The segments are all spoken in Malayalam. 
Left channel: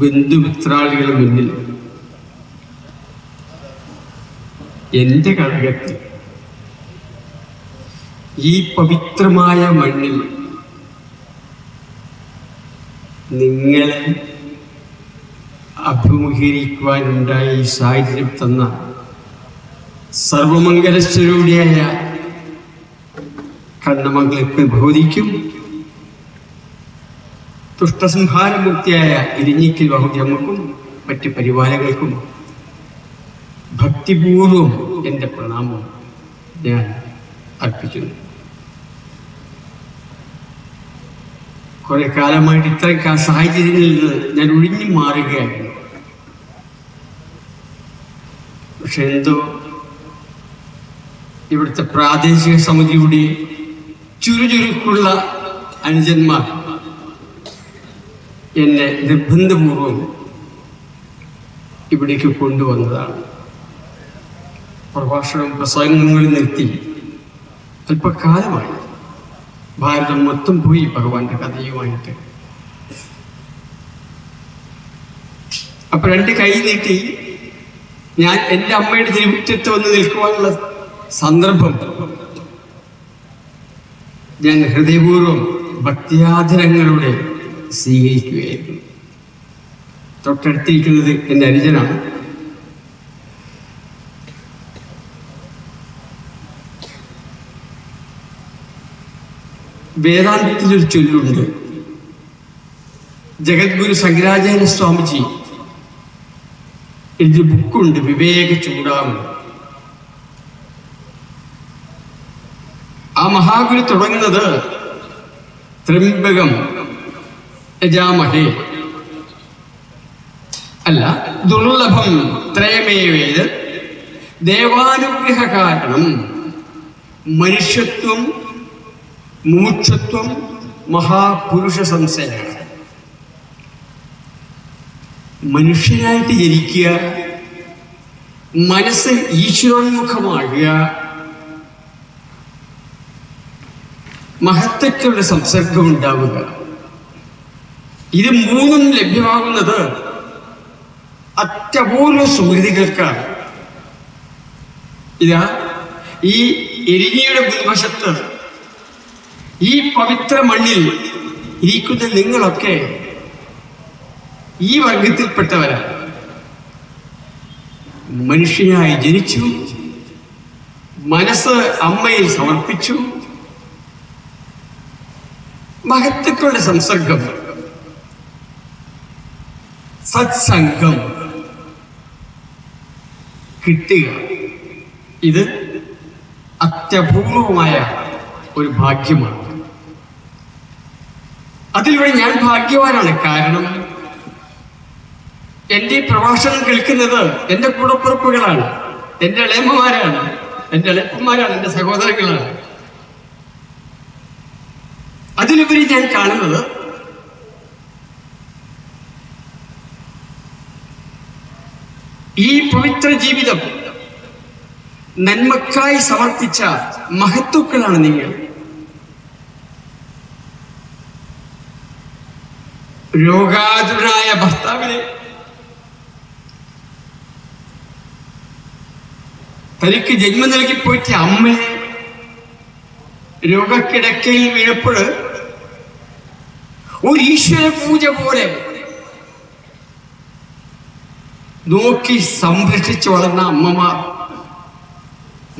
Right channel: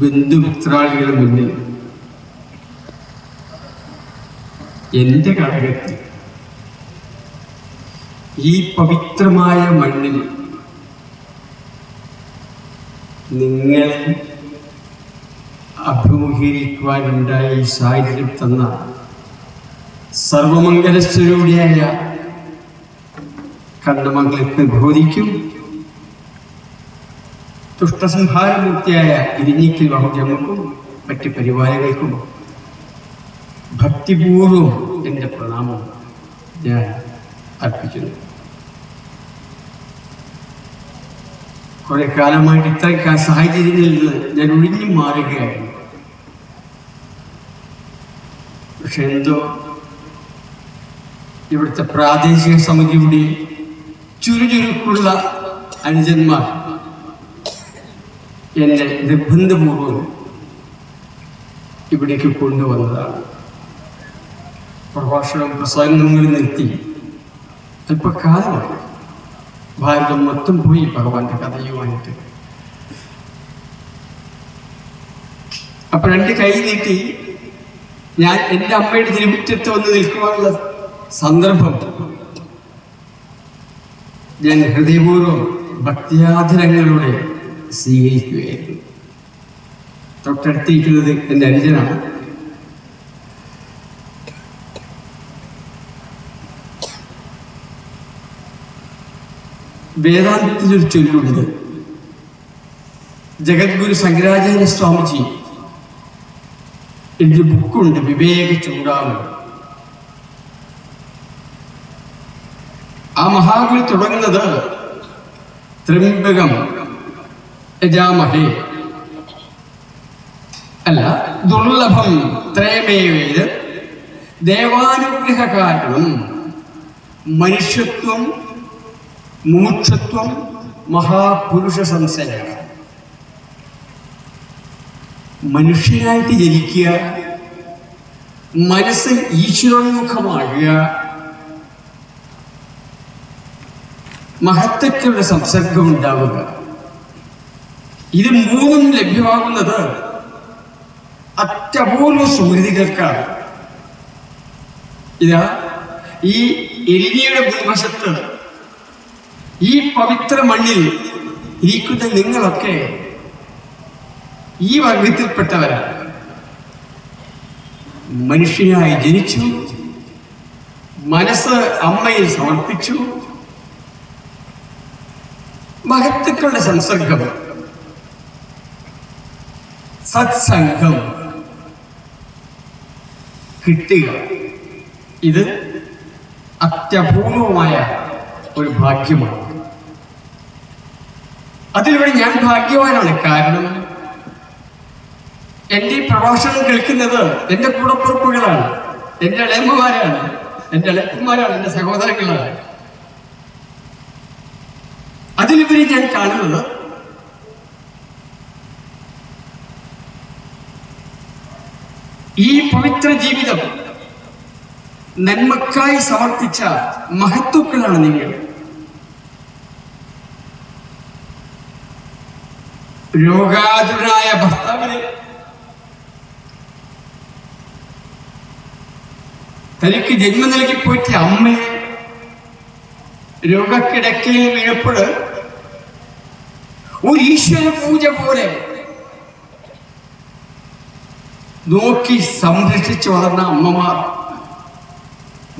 ബന്ധുമിത്രാളികളുടെ മുന്നിൽ എൻ്റെ കടകത്തിൽ ഈ പവിത്രമായ മണ്ണിൽ നിങ്ങളെ അഭിമുഖീകരിക്കുവാനുണ്ടായ ഈ സാഹചര്യം തന്ന സർവമംഗലസ്വരൂപിയായ കണ്ണമംഗലത്തെ ബോധിക്കും തുഷ്ടസംഹാരമൂർത്തിയായ ഇരിഞ്ഞിക്കൽ ബഹുജമ്മക്കും മറ്റ് പരിവാരങ്ങൾക്കും ഭക്തിപൂർവം എൻ്റെ പ്രണാമം ഞാൻ അർപ്പിക്കുന്നു. കുറെ കാലമായിട്ട് ഇത്രയും സാഹചര്യങ്ങളിൽ നിന്ന് ഞാൻ ഒഴിഞ്ഞു മാറുകയായിരുന്നു. പക്ഷെ എന്തോ ഇവിടുത്തെ പ്രാദേശിക സമിതിയുടെ ചുരുചുരുക്കുള്ള അനുജന്മാർ എന്നെ നിർബന്ധപൂർവം ഇവിടേക്ക് കൊണ്ടുവന്നതാണ്. പ്രഭാഷണം പ്രസംഗങ്ങളിൽ നിർത്തി അല്പകാലമായി. ഭാരതം മൊത്തം പോയി ഭഗവാന്റെ കഥയുമായിട്ട്. അപ്പൊ രണ്ട് കൈ നീട്ടി ഞാൻ എൻ്റെ അമ്മയുടെ തിരുമുറ്റത്ത് വന്ന് നിൽക്കുവാനുള്ള സന്ദർഭം ഞാൻ ഹൃദയപൂർവ്വം ഭക്തിയാദരങ്ങളുടെ സ്വീകരിക്കുകയായിരുന്നു. തൊട്ടടുത്തിരിക്കുന്നത് എൻ്റെ അനുജനാണ്. വേദാന്തത്തിലൊരു ചൊല്ലുണ്ട്. ജഗദ്ഗുരു ശങ്കരാചാര്യ സ്വാമിജി എഴുതിയ ബുക്കുണ്ട്, വിവേക ചൂടാമണി. ആ മഹാഗുരു തുടങ്ങുന്നത് ത്രിംബകം യജാമഹേ അല്ല, ദുർലഭം ത്രയമേവേത് ദേവാനുഗ്രഹ കാരണം മനുഷ്യത്വം മൂക്ഷത്വം മഹാപുരുഷ സംസരം. മനുഷ്യനായിട്ട് ജനിക്കുക, മനസ്സ് ഈശ്വരോന്മുഖമാകുക, മഹത്വത്തിലുള്ള സംസർഗം ഉണ്ടാവുക, ഇത് മൂന്നും ലഭ്യമാകുന്നത് അത്യപൂർവ സുഹൃതികൾക്കാണ്. ഇതാ ഈ എരിഞ്ഞിയുടെ മുൻവശത്ത് ഈ പവിത്ര മണ്ണിൽ ഇരിക്കുന്ന നിങ്ങളൊക്കെ ഈ വർഗത്തിൽപ്പെട്ടവരാണ്. മനുഷ്യനായി ജനിച്ചു, മനസ്സ് അമ്മയിൽ സമർപ്പിച്ചു, മഹത്വക്കളുടെ സംസർഗം, സത്സംഗം കിട്ടുക, ഇത് അത്യപൂർവമായ ഒരു ഭാഗ്യമാണ്. അതിലൂടെ ഞാൻ ഭാഗ്യവാനാണ്. കാരണം എൻ്റെ ഈ പ്രഭാഷണം കേൾക്കുന്നത് എൻ്റെ കൂടപ്പുറപ്പുകളാണ്, എൻ്റെ ഇളയമ്മമാരാണ്, എൻ്റെ ഇളയപ്പന്മാരാണ്, എൻ്റെ സഹോദരങ്ങളാണ്. അതിലുപരി ഞാൻ കാണുന്നത് ഈ പവിത്ര ജീവിതം നന്മക്കായി സമർപ്പിച്ച മഹത്തുക്കളാണ് നിങ്ങൾ. രോഗാതുരായ ഭർത്താവിനെ തനിക്ക് ജന്മം നൽകി പോയിട്ട് അമ്മ രോഗക്കിടക്കയിൽ വീണപ്പോൾ ഒരു ഈശ്വര പൂജ പോലെ നോക്കി സംരക്ഷിച്ചു വളർന്ന അമ്മമാർ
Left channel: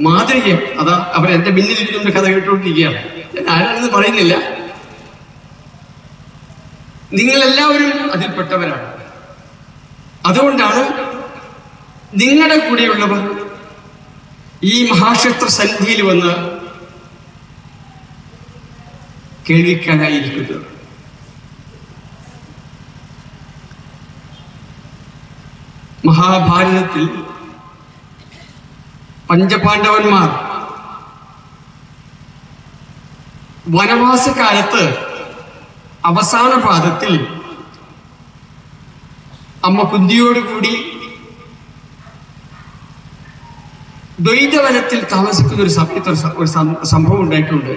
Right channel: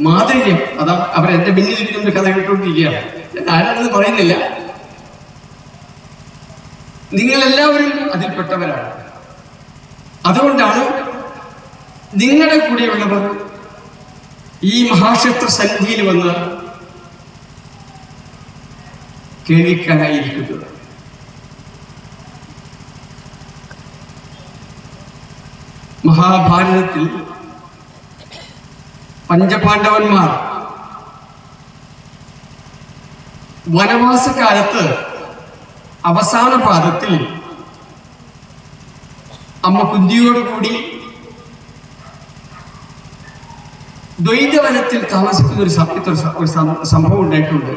മാതൃക. അതാ അവരെന്റെ മുന്നിലിരിക്കുന്ന കഥ കേട്ടുകൊണ്ടിരിക്കുകയാണ്. ഞാൻ ആരാണെന്ന് പറയുന്നില്ല, നിങ്ങളെല്ലാവരും അതിൽപ്പെട്ടവരാണ്. അതുകൊണ്ടാണ് നിങ്ങളുടെ കൂടെയുള്ളവർ ഈ മഹാക്ഷേത്ര സന്നിധിയിൽ വന്ന് കേൾക്കാനായിരിക്കുന്നത്. മഹാഭാരതത്തിൽ പഞ്ചപാണ്ഡവന്മാർ വനവാസകാലത്ത് അവസാന പാദത്തിൽ അമ്മ കുന്തിയോടുകൂടി ദ്വൈതവനത്തിൽ താമസിക്കുന്ന ഒരു സംഭവം ഉണ്ടായിട്ടുണ്ട്.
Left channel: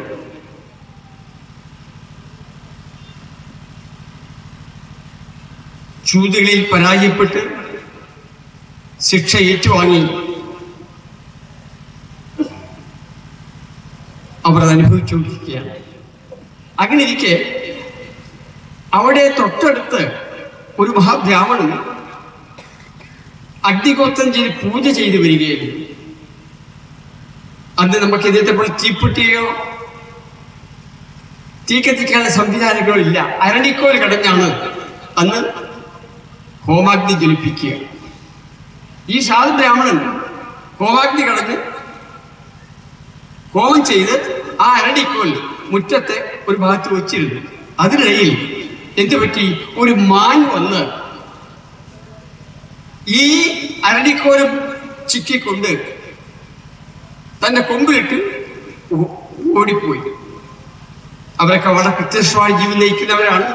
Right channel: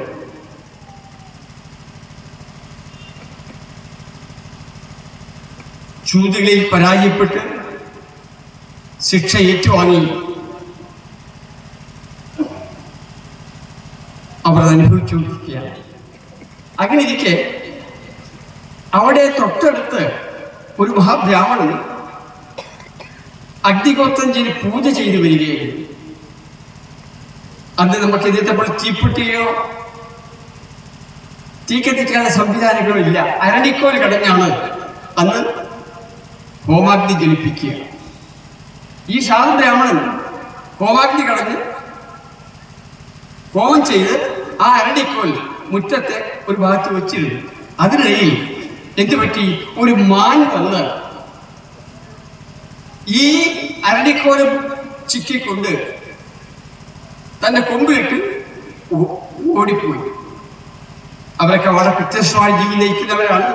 ചൂതുകളിൽ പരാജയപ്പെട്ട് ശിക്ഷ ഏറ്റുവാങ്ങി അവർ അനുഭവിച്ചുകൊണ്ടിരിക്കുകയാണ്. അങ്ങനെ ഇരിക്കെ അവിടെ തൊട്ടടുത്ത് ഒരു മഹാബ്രാഹ്മണൻ അഗ്നിഗോത്രം ചെയ്ത് പൂജ ചെയ്തു വരികയായിരുന്നു. അന്ന് നമുക്ക് ഇതിന്റെ തീപ്പെട്ടിയോ തീ കത്തിക്കാനുള്ള സംവിധാനങ്ങളോ ഇല്ല. അരണിക്കോൽ കടഞ്ഞാണ് അന്ന് ഹോമാഗ്നി ജലിപ്പിക്കുക. ഈ സാധു ബ്രാഹ്മണൻ ഹോമാഗ്നി കടഞ്ഞ് ഹോമം ചെയ്ത് ആ അരണിക്കോൽ മുറ്റത്തെ ഒരു ഭാഗത്ത് വെച്ചിരുന്നു. അതിനിടയിൽ എന്തുപറ്റി? ഒരു മാൻ വന്ന് ഈ അരണിക്കോലും ചിക്കിക്കൊണ്ട് തന്റെ കൊമ്പിലിട്ട് ഓടിപ്പോയി. അവരൊക്കെ വളരെ കൃത്യമായ ജീവിതം നയിക്കുന്നവരാണ്.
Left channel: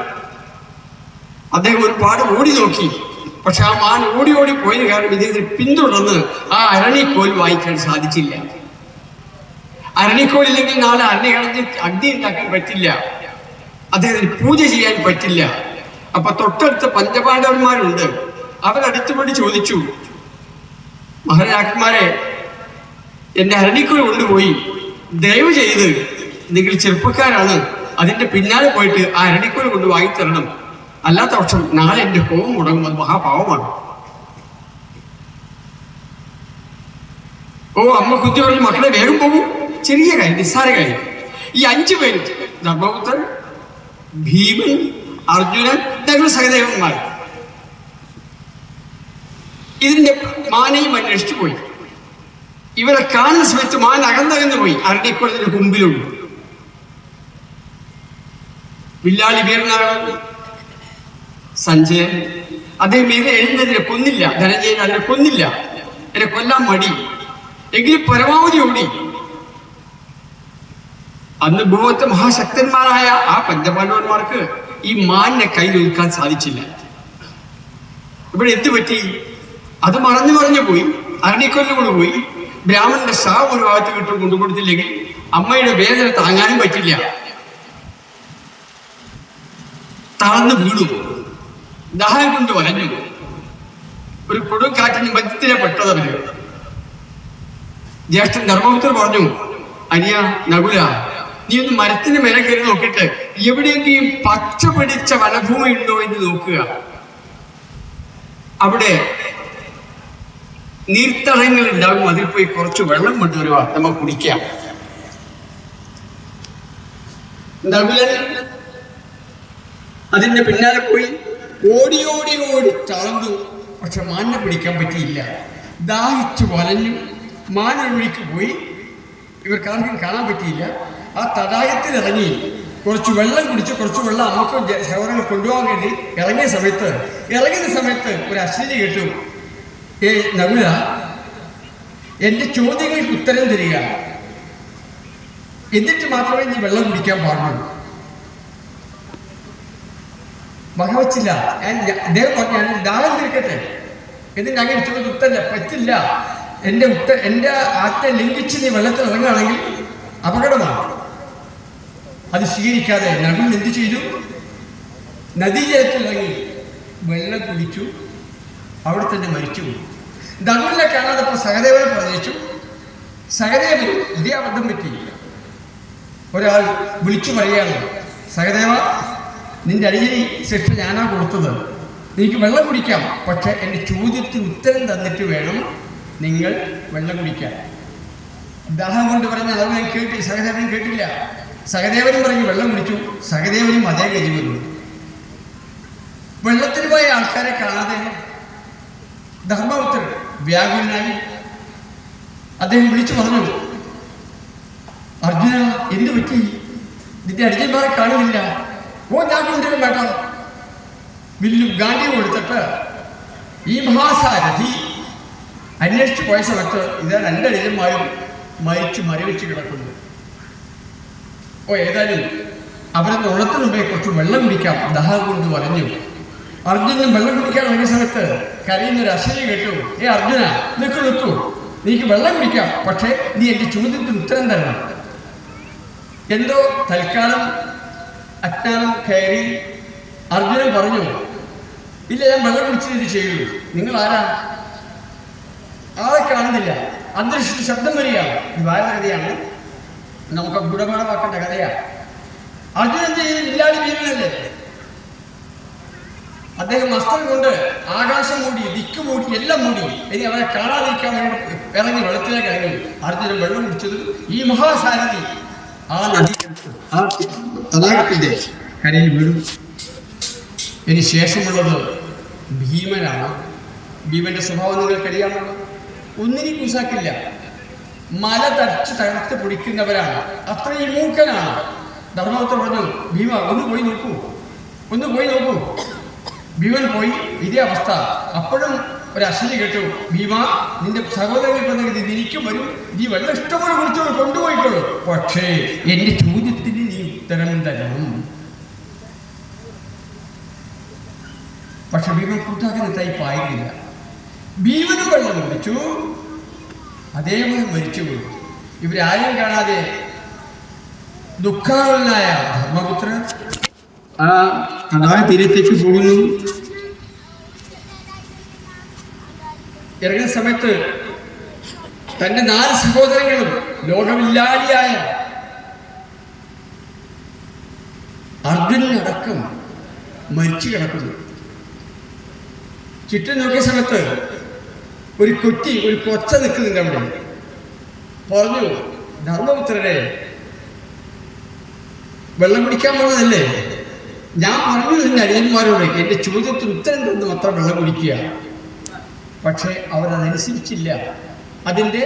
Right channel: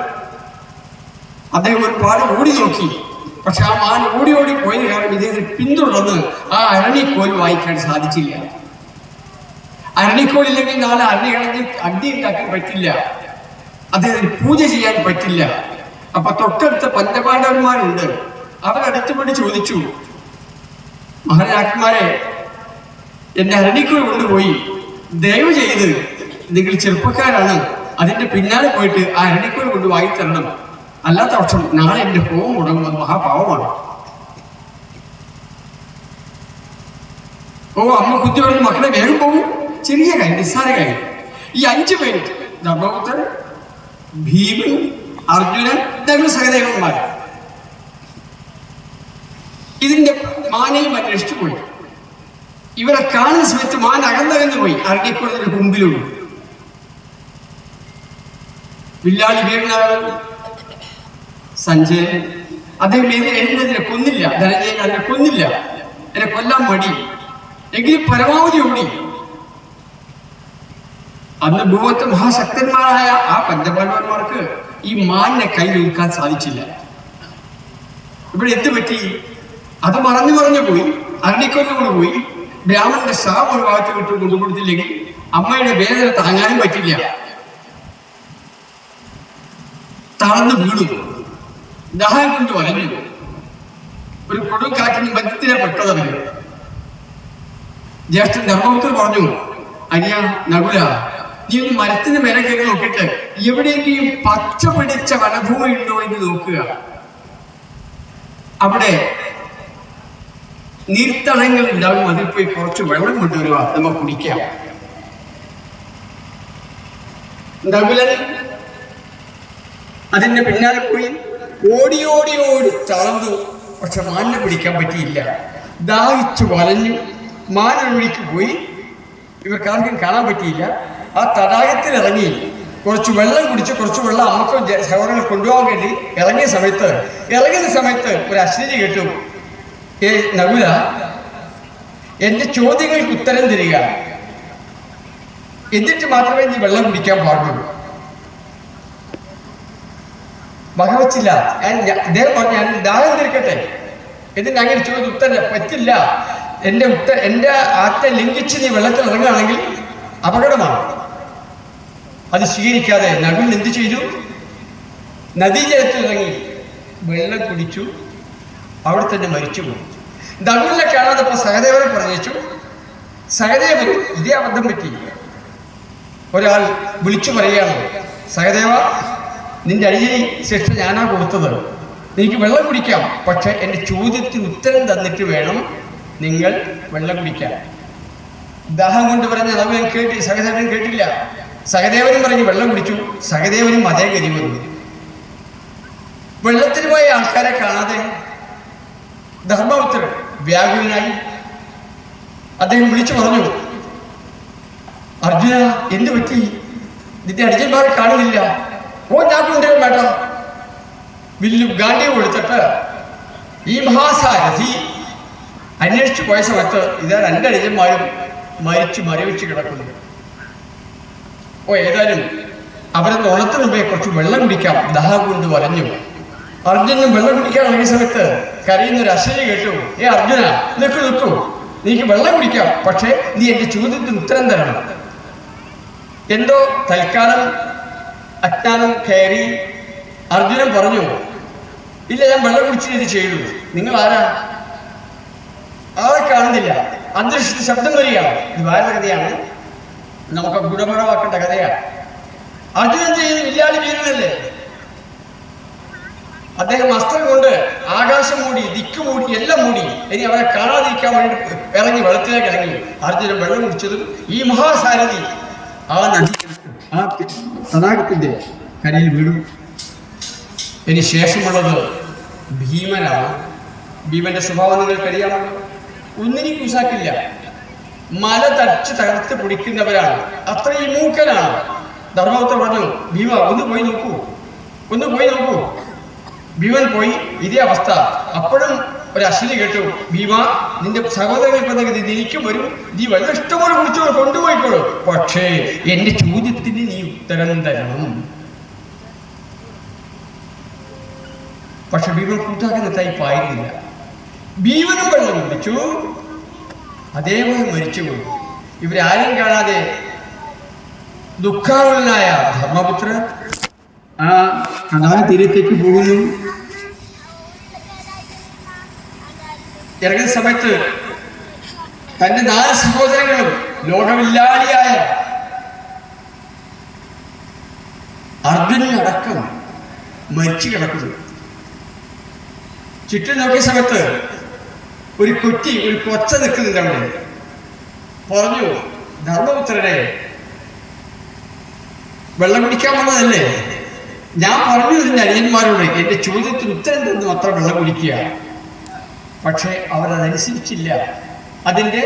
അദ്ദേഹം ഒരുപാട് ഓടി നോക്കി. പക്ഷെ ആ മാൻ ഓടി പോയ കാരണം ഇദ്ദേഹത്തിന് പിന്തുടർന്ന് ആ അരണിക്കോൽ വാങ്ങിക്കാൻ സാധിച്ചില്ല. അരണിക്കോലില്ലെങ്കിൽ നാളെ അരണികളഞ്ഞ് അഗ്നി ഉണ്ടാക്കാൻ പറ്റില്ല, അദ്ദേഹത്തിന് പൂജ ചെയ്യാൻ പറ്റില്ല. അപ്പൊ തൊട്ടടുത്ത പഞ്ചപാണ്ഡവന്മാരുണ്ട്. അവരടുത്തുപടി ചോദിച്ചു, മഹാരാജന്മാരെ, എന്റെ അരണിക്കോൽ കൊണ്ടുപോയി ദയവ് ചെയ്ത്, നിങ്ങൾ ചെറുപ്പക്കാരാണ്, അതിന്റെ പിന്നാലെ പോയിട്ട് ആ അരണിക്കോൽ കൊണ്ട് വാങ്ങിത്തരണം, അല്ലാത്ത പക്ഷം നാളെ എന്റെ ഹോമം മുടങ്ങുന്നത് മഹാപാവമാണ്. ഓ, അമ്മ കുത്തി പറഞ്ഞ് മക്കളെ വേഗം പോകും. ചെറിയ കാര്യം, നിസ്സാര കാര്യം. ഈ 5 പേര്, ധർമ്മപുത്രൻ, ഭീമൻ, അർജുനൻ, ഞങ്ങൾ സഹദേവന്മാർ, ഇതിന്റെ മാനയും അന്വേഷിച്ചു പോയി. ഇവരെ കാണുന്ന സമയത്ത് മാൻ അകന്നകന്നു പോയി. അരണിക്കോളത്തിന്റെ മുമ്പിലുണ്ട്. വില്ലാളി വീരനാണ് സഞ്ജയൻ. അദ്ദേഹം എഴുന്നതിനെ കൊന്നില്ല. ധനഞ്ജയൻ അതിനെ കൊന്നില്ല. എന്നെ കൊല്ലാൻ മടി. എങ്കിലും പരമാവധി ഓടി. അന്ന് ഭൂമത്തെ മഹാശക്തന്മാരായ ആ പഞ്ചപാണ്ഡവന്മാർക്ക് ഈ മാനിനെ കയ്യിൽ ഒതുക്കാൻ സാധിച്ചില്ല. ഇവിടെ എന്തുപറ്റി? അത് മറഞ്ഞു പോയി. അരണിക്കൊല്ലുകൊണ്ട് പോയി. ബ്രാഹ്മണന്റെ ശാപം ഒരു ഭാഗത്ത് വിട്ട് കൊണ്ടുകൊടുത്തില്ലെങ്കിൽ അമ്മയുടെ വേദന താങ്ങാനും പറ്റില്ല. താഴ്ന്നു വീണു. ദാഹം കൊണ്ട് വലഞ്ഞു. ഒരു കൊടുങ്കാറ്റിന് മധ്യത്തിലെ പെട്ടതറിഞ്ഞു. ജ്യേഷ്ഠൻ ധർമ്മപുത്രൻ പറഞ്ഞു, അനിയ നകുല, നീ ഒന്ന് മരത്തിന് മേലെ കയറി നോക്കിയിട്ട് എവിടെയെങ്കിലും പച്ച പിടിച്ച വനഭൂമി ഉണ്ടോ എന്ന് നോക്കുക. അവിടെ നീർത്തടങ്ങൾ ഉണ്ടാകും. അതിൽ പോയി കുറച്ച് വെള്ളം കൊണ്ടുവരുക, നമുക്ക് കുടിക്കാം. നകുലൻ അതിന്റെ പിന്നാലെ പോയി ഓടി താഴ്ന്നു. പക്ഷെ മാനിനെ പിടിക്കാൻ പറ്റിയില്ല. ദാഹിച്ചു വലഞ്ഞു. മാനൊഴുക്ക് പോയി. ഇവർക്കാർക്കും കാണാൻ പറ്റിയില്ല. ആ തടാകത്തിൽ ഇറങ്ങി കുറച്ച് വെള്ളം കുടിച്ച് കുറച്ച് വെള്ളം അമ്മക്കും സഹോദരങ്ങൾ കൊണ്ടുപോകാൻ വേണ്ടി ഇറങ്ങുന്ന സമയത്ത് ഒരു അശ്വതി കേട്ടു. ഏ നകുല, എന്റെ ചോദ്യങ്ങൾക്ക് ഉത്തരം തരിക, എന്നിട്ട് മാത്രമേ നീ വെള്ളം കുടിക്കാൻ പാടുള്ളൂ. വകവച്ചില്ല. അദ്ദേഹം പറഞ്ഞു, ഞാൻ ദാഹം തീർക്കട്ടെ. എന്നിട്ട് അങ്ങനെ ചോദിച്ചു, ഉത്തരം പറ്റില്ല. എന്റെ ആത്തെ ലംഘിച്ച് നീ വെള്ളത്തിൽ ഇറങ്ങുകയാണെങ്കിൽ അപകടമാണ്. അത് സ്വീകരിക്കാതെ നകുലൻ എന്ത് ചെയ്തു? നദീജലത്തിൽ ഇറങ്ങി വെള്ളം കുടിച്ചു. അവിടെ തന്നെ മരിച്ചുപോയി. നകുലിനെ കാണാതപ്പോൾ സഹദേവനെ പറഞ്ഞു. സഹദേവൻ ഇതേ അബദ്ധം പറ്റിയില്ല. ഒരാൾ വിളിച്ചു പറയുകയാണ്, സഹദേവ, നിന്റെ അടിയിൽ ശിക്ഷ ഞാനാ കൊടുത്തത്. എനിക്ക് വെള്ളം കുടിക്കാം, പക്ഷെ എൻ്റെ ചോദ്യത്തിന് ഉത്തരം തന്നിട്ട് വേണം നിങ്ങൾ വെള്ളം കുടിക്കാൻ. ദാഹം കൊണ്ട് പറഞ്ഞ സഹദേവൻ കേട്ടില്ല. സഹദേവനും പറഞ്ഞ് വെള്ളം കുടിച്ചു. സഹദേവനും അതേ ഗതി വന്നു. വെള്ളത്തിന് പോയ ആൾക്കാരെ കാണാതെ ധർമ്മപുത്രൻ വ്യാകുലനായി. അദ്ദേഹം വിളിച്ചു പറഞ്ഞു, അർജുന, എന്ത് പറ്റി? നിന്റെ അടിച്ചന്മാരെ കാണുന്നില്ല. ഓ, ഞാൻ കൊണ്ടുവരാൻ വേണ്ട. വില്ലും ഗാന്ധിയും എടുത്തിട്ട് ഈ മഹാസാരഥി അന്വേഷിച്ചു പോയ സമയത്ത് ഇതാ 2 അടിയന്മാരും മരവിച്ച് കിടക്കുന്നു. ഓ, ഏതായാലും അവരൊന്ന് ഉണത്തിന് മുമ്പേ കുറച്ച് വെള്ളം കുടിക്കാം. ദാഹം കൊണ്ട് വലഞ്ഞു. അർജുനൻ വെള്ളം കുടിക്കാൻ വേണ്ട സമയത്ത് കരയുന്നൊരു അശ്വതി കേട്ടു. ഏ അർജുന, നിൽക്കൂ, നീക്ക് വെള്ളം കുടിക്കാം, പക്ഷേ നീ എന്റെ ചോദ്യത്തിന് ഉത്തരം തരണം. എന്തോ തൽക്കാലം അജ്ഞാനം കയറി അർജുനൻ പറഞ്ഞു, ഇല്ല, ഞാൻ വെള്ളം കുടിച്ചിട്ട് ഇത് ചെയ്തു. നിങ്ങൾ ആരാ? ആളെ കാണുന്നില്ല. അന്തരീക്ഷത്തിൽ ശബ്ദം വരികയാണ്. ഇത് വേറെ കഥയാണ്, നമുക്ക് ഗുണമേളമാക്കേണ്ട കഥയാണ്. അതിനെന്ത് ചെയ്യും? ഇല്ലാതെ വീഴുന്നല്ലേ. അദ്ദേഹം വസ്ത്രം കൊണ്ട് ആകാശം മൂടി, ദിക്ക് മൂടി, എല്ലാം മൂടി. ഇനി അവരെ കാണാതിരിക്കാൻ വേണ്ടി ഇറങ്ങി വെള്ളത്തിലേക്ക് ഇറങ്ങി. അർജുനൻ വെള്ളം കുടിച്ചതും ഈ മഹാസാരഥി ആ നദി ആ തടാകത്തിന്റെ കരയിൽ വീണു. ഇനി ശേഷമുള്ളത് ഭീമനാണ്. ഭീമന്റെ സ്വഭാവം നിങ്ങൾക്കറിയാമല്ലോ. ഒന്നിനും കുസാക്കില്ല. മല തകർത്ത് പൊടിക്കുന്നവരാണ്. അത്രയും മൂക്കനാണ്. ധർമ്മപുത്രൻ പറഞ്ഞു, ഭീമ ഒന്ന് പോയി നോക്കൂ. ഭീമൻ പോയി. ഇതേ അവസ്ഥ. അപ്പോഴും ഒരു അശ്വനി കേട്ടു, ഭീമ നിന്റെ സഹോദരങ്ങൾക്ക് നിനിക്കും വരും, നീ വെള്ളം ഇഷ്ടംപോലെ കുടിച്ചോ, കൊണ്ടുപോയിക്കോ, പക്ഷേ എന്റെ ചോദ്യത്തിന് നീ ഉത്തരം തരണം. പക്ഷെ ഭീമൻ കൂട്ടാക്കുന്ന ടൈപ്പായിരുന്നില്ല. ഭീമന് വെള്ളം കുടിച്ചു, അതേപോലെ മരിച്ചുപോയി. ഇവരാരും കാണാതെ ദുഃഖാകുലനായ ധർമ്മപുത്രൻ ആ തീരത്തേക്ക് പോകുന്നു. ഇറങ്ങുന്ന സമയത്ത് തന്റെ 4 സഹോദരങ്ങളും ലോകമില്ലാളിയായ അർജുനനടക്കം മരിച്ചു കിടക്കുന്നു. ചുറ്റും നോക്കിയ സമയത്ത് ഒരു കൊച്ച നിൽക്കുന്നുണ്ട് അവിടെ. പറഞ്ഞു, ധർമ്മപുത്രരെ, വെള്ളം കുടിക്കാൻ വന്നതല്ലേ? ഞാൻ പറഞ്ഞു എന്റെ അനിയന്മാരോട് എന്റെ ചോദ്യത്തിന് ഉത്തരം തന്നു മാത്രം വെള്ളം കുടിക്കുക. പക്ഷെ അവരതനുസരിച്ചില്ല. അതിന്റെ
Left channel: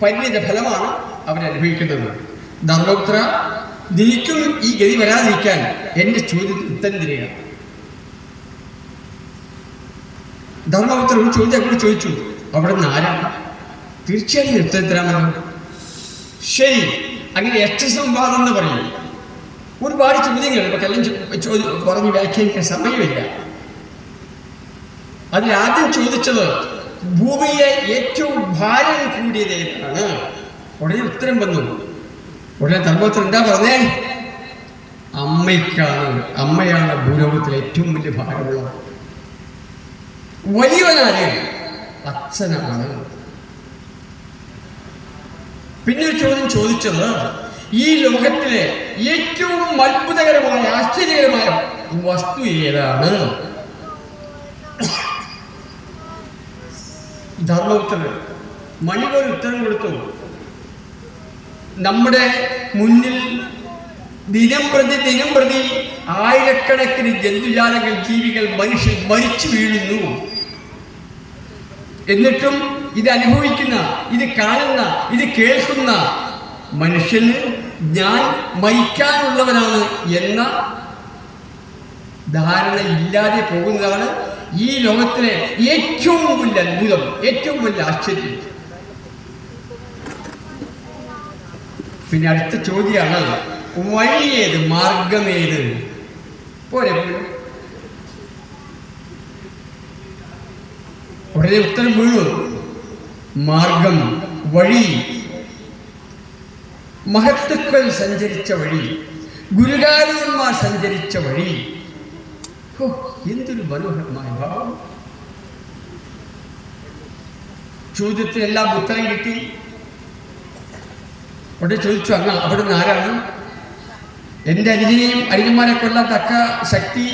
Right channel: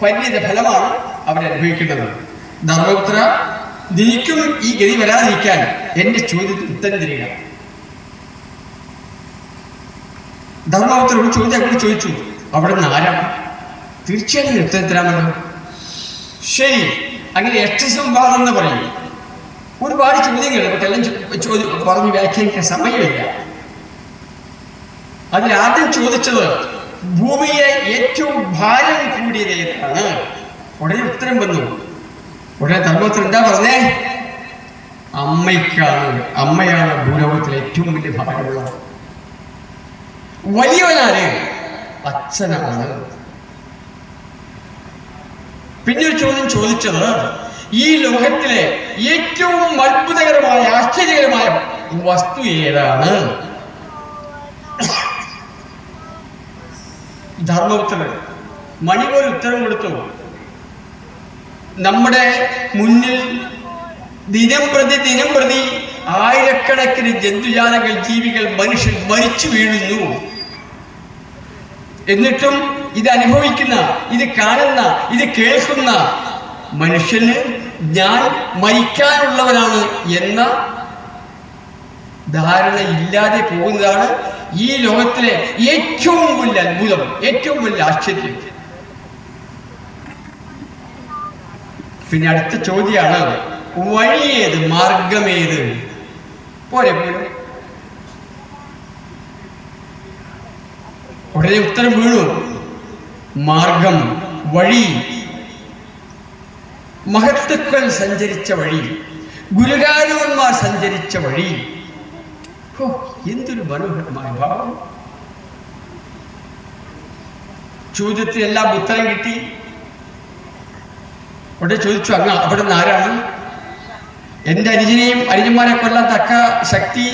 പരിണിത ഫലമാണ് അവരനുഭവിക്കേണ്ടത്. ധർമ്മപുത്ര, നിനക്കും ഈ ഗതി വരാതിരിക്കാൻ എന്റെ ചോദ്യത്തിന് ഉത്തരം തരിക. ധർമ്മപുത്ര ഒരു ചോദ്യം കൂടി ചോദിച്ചു. അവിടെ നിന്ന് ആരാണ്? തീർച്ചയായും ഉത്തരം തരാമല്ലോ. ശരി, അങ്ങനെ യക്ഷസംവാദം എന്ന് പറയും. ഒരുപാട് ചോദ്യങ്ങൾ നമുക്കെല്ലാം പറഞ്ഞ് വ്യാഖ്യാനിക്കാൻ സമയമില്ല. അതിലാദ്യം ചോദിച്ചത് ഭൂമിയെ ഏറ്റവും ഭാരം കൂടിയത് ഏതാണ്? ഉടനെ ഉത്തരം വന്നു. ഉടനെ ധർമ്മപുത്രൻ എന്താ പറഞ്ഞേ? അമ്മയ്ക്കാണ്. അമ്മയാണ് ഭൂലോകത്തിലെ ഏറ്റവും വലിയ ഭാരമുള്ള. വലിയവനാര്? അച്ഛനാണ്. പിന്നെ ഒരു ചോദ്യം ചോദിച്ചത്, ഈ ലോകത്തിലെ ഏറ്റവും അത്ഭുതകരമായ ആശ്ചര്യകരമായ വസ്തു ഏതാണ്? ധർമ്മപുത്രൻ മണിപോലെ ഉത്തരം കൊടുത്തു. നമ്മുടെ മുന്നിൽ ദിനം പ്രതി ആയിരക്കണക്കിന് ജന്തുജാലങ്ങൾ, ജീവികൾ, മനുഷ്യൻ മരിച്ചു വീഴുന്നു. എന്നിട്ടും ഇത് അനുഭവിക്കുന്ന, ഇത് കാണുന്ന, ഇത് കേൾക്കുന്ന മനുഷ്യന് ഞാൻ മരിക്കാനുള്ളവനാണ് എന്ന ധാരണ ഇല്ലാതെ പോകുന്നതാണ് ഈ ലോകത്തിലെ ഏറ്റവും വലിയ അത്ഭുതം, ഏറ്റവും വലിയ ആശ്ചര്യം. പിന്നെ അടുത്ത ചോദ്യമാണ്, വഴിയേത്, മാർഗമേത്? പോരെ. ഉടനെ ഉത്തരം വീണു. മാർഗം, വഴി, മഹത്തുക്കൾ സഞ്ചരിച്ച വഴി, ഗുരുകാരന്മാർ സഞ്ചരിച്ച വഴി. എന്തൊരു മനോഹരമായ ഭാവം. ചോദ്യത്തിനെല്ലാം ഉത്തരം കിട്ടി. അവിടെ ചോദിച്ചു, അങ്ങ് അവിടെ നിന്ന് ആരാണ്? എൻ്റെ അനുജനെയും അനുജന്മാരെ കൊല്ലാൻ തക്ക ശക്തി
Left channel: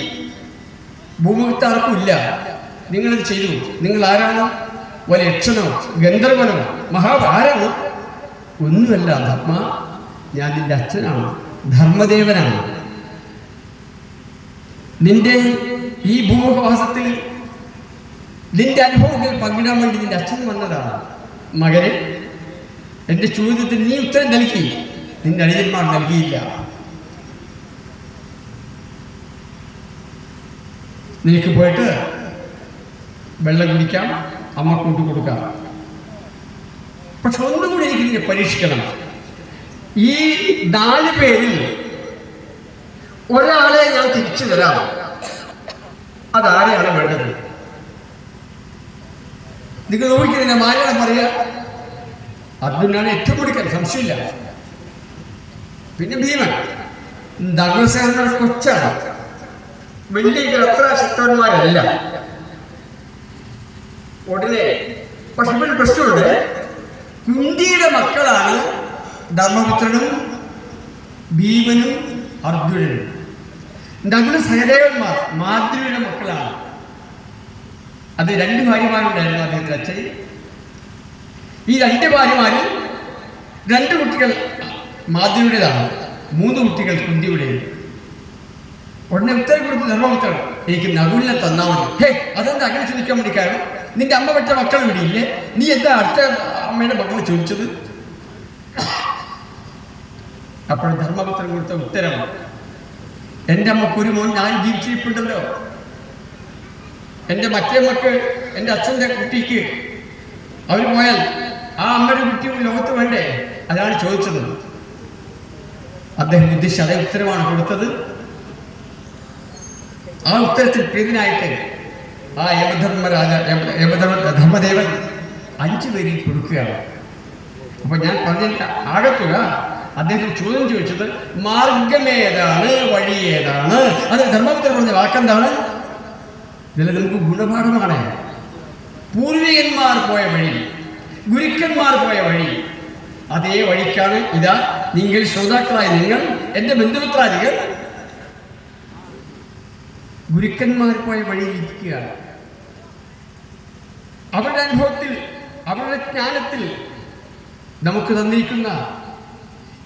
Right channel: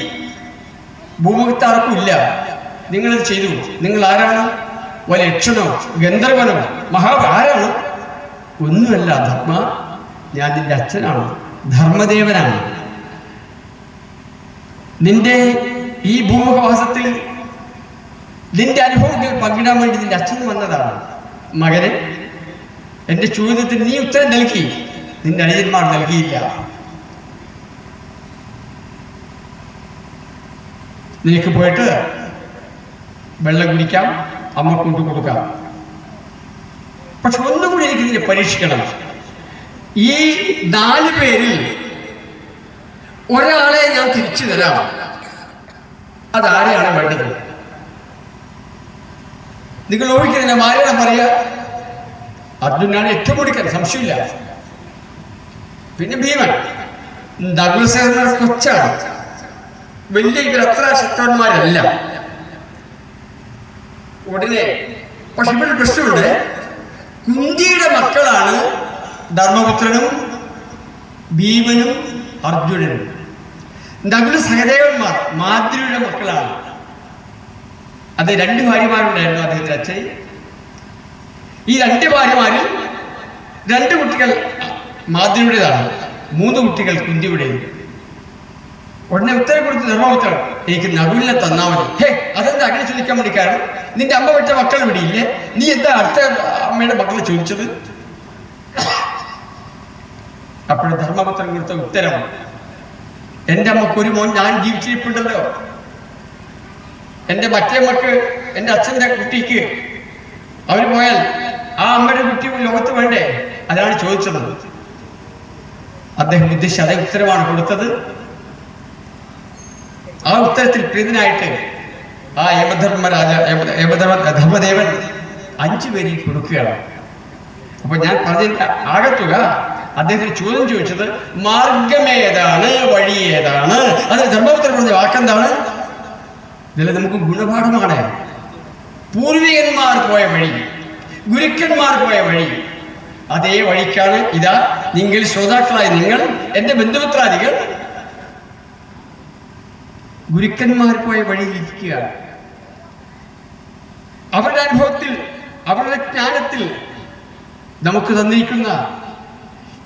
ഭൂമുഖത്ത് ആർക്കും ഇല്ല. നിങ്ങളത് ചെയ്തു. നിങ്ങൾ ആരാണ്? ഒരു യക്ഷനോ ഗന്ധർവനോ ആരാണ്? ഒന്നുമല്ല ധർമ്മ, ഞാൻ നിന്റെ അച്ഛനാണ്, ധർമ്മദേവനാണ്. നിന്റെ ഈ ഭൂമുഖവാസത്തിൽ നിന്റെ അനുഭവങ്ങൾ പങ്കിടാൻ വേണ്ടി നിന്റെ അച്ഛൻ വന്നതാണ്. മകനെ, എന്റെ ചോദ്യത്തിന് നീ ഉത്തരം നൽകി, നിന്റെ അനുജന്മാർ നൽകിയില്ല. നിനക്ക് പോയിട്ട് വെള്ളം കുടിക്കാം, അമ്മ കൊണ്ടു കൊടുക്കാം. പക്ഷെ ഒന്നുകൂടി എനിക്ക് ഇതിനെ പരീക്ഷിക്കണം. ഈ 4 പേരിൽ ഒരാളെ ഞാൻ തിരിച്ചു തരാം. അതാരെയാണ് വേണ്ടത്? നിങ്ങൾ ഊഹിക്കുന്നതിന് ആരെയാണ് പറയാ? അർജുനാണ് ഏറ്റവും കൊടുക്കാൻ, സംശയമില്ല. പിന്നെ ഭീമൻ, നകുലസേനയുടെ കൊച്ചാണ്. വലിയ അത്ര ശക്തന്മാരല്ല. ഉടനെ പക്ഷെ ഇവിടെ പ്രശ്നമുണ്ട്. കുന്തിയുടെ മക്കളാണ് ധർമ്മപുത്രനും ഭീമനും അർജുനനും. നകുല സഹദേവന്മാർ മാദ്രിയുടെ മക്കളാണ്. അത് 2 ഭാര്യമാരുണ്ടായിരുന്നു അദ്ദേഹത്തിന്റെ അച്ഛൻ. ഈ 2 ഭാര്യമാരിൽ 2 കുട്ടികൾ മാദ്രിയുടേതാണ്, 3 കുട്ടികൾ കുന്തിയുടേത്. ഉടനെ ഉത്തരം കൊടുത്ത് ധർമ്മപുത്രൻ എനിക്ക് നകുലിനെ തന്നാൽ മതി. ഹേ, അതെന്താ അങ്ങനെ ചോദിക്കാൻ വേണ്ടി? കാരണം നിന്റെ അമ്മ പെട്ട മക്കൾ ഇവിടെ ഇല്ലേ? നീ എന്താ അടുത്ത അമ്മയുടെ മക്കളെ ചോദിച്ചത്? അപ്പോൾ ധർമ്മപുത്രൻ കൊടുത്ത ഉത്തരം, എൻ്റെ അമ്മക്ക് ഒരു മോൻ ഞാൻ ജീവിച്ചിരിപ്പുണ്ടല്ലോ, എൻ്റെ മറ്റേ മക്ക് എൻ്റെ അച്ഛൻ്റെ കുട്ടിക്ക് അവർ പോയാൽ ആ അമ്മയുടെ കുട്ടി ലോകത്ത് വേണ്ടേ? അതാണ് ചോദിച്ചത്. അദ്ദേഹം ഉദ്ദേശിച്ച അതേ ഉത്തരമാണ് കൊടുത്തത്. ആ ഉത്തരത്തിൽ പ്രീതനായിട്ട് ആ ധർമ്മദേവൻ 5 പേരിൽ കൊടുക്കുകയാണ്. അപ്പൊ ഞാൻ പറഞ്ഞ ആകത്തുക അദ്ദേഹത്തിന് ചോദ്യം ചോദിച്ചത് മാർഗമേതാണ്, വഴി ഏതാണ്? അത് ധർമ്മപുത്രൻ പറഞ്ഞ വാക്കെന്താണ്? ഇതിൽ നമുക്ക് ഗുണപാഠമാണ്. പൂർവികന്മാർ പോയ വഴി, ഗുരുക്കന്മാർ പോയ വഴി, അതേ വഴിക്കാണ് ഇതാ നിങ്ങൾ ശ്രോതാക്കളായി നിങ്ങൾ എൻ്റെ ബന്ധുമിത്രാദികൾ ഗുരുക്കന്മാർ പോയ വഴിയിൽ ഇരിക്കുകയാണ്. അവരുടെ അനുഭവത്തിൽ, അവരുടെ ജ്ഞാനത്തിൽ നമുക്ക് തന്നിരിക്കുന്ന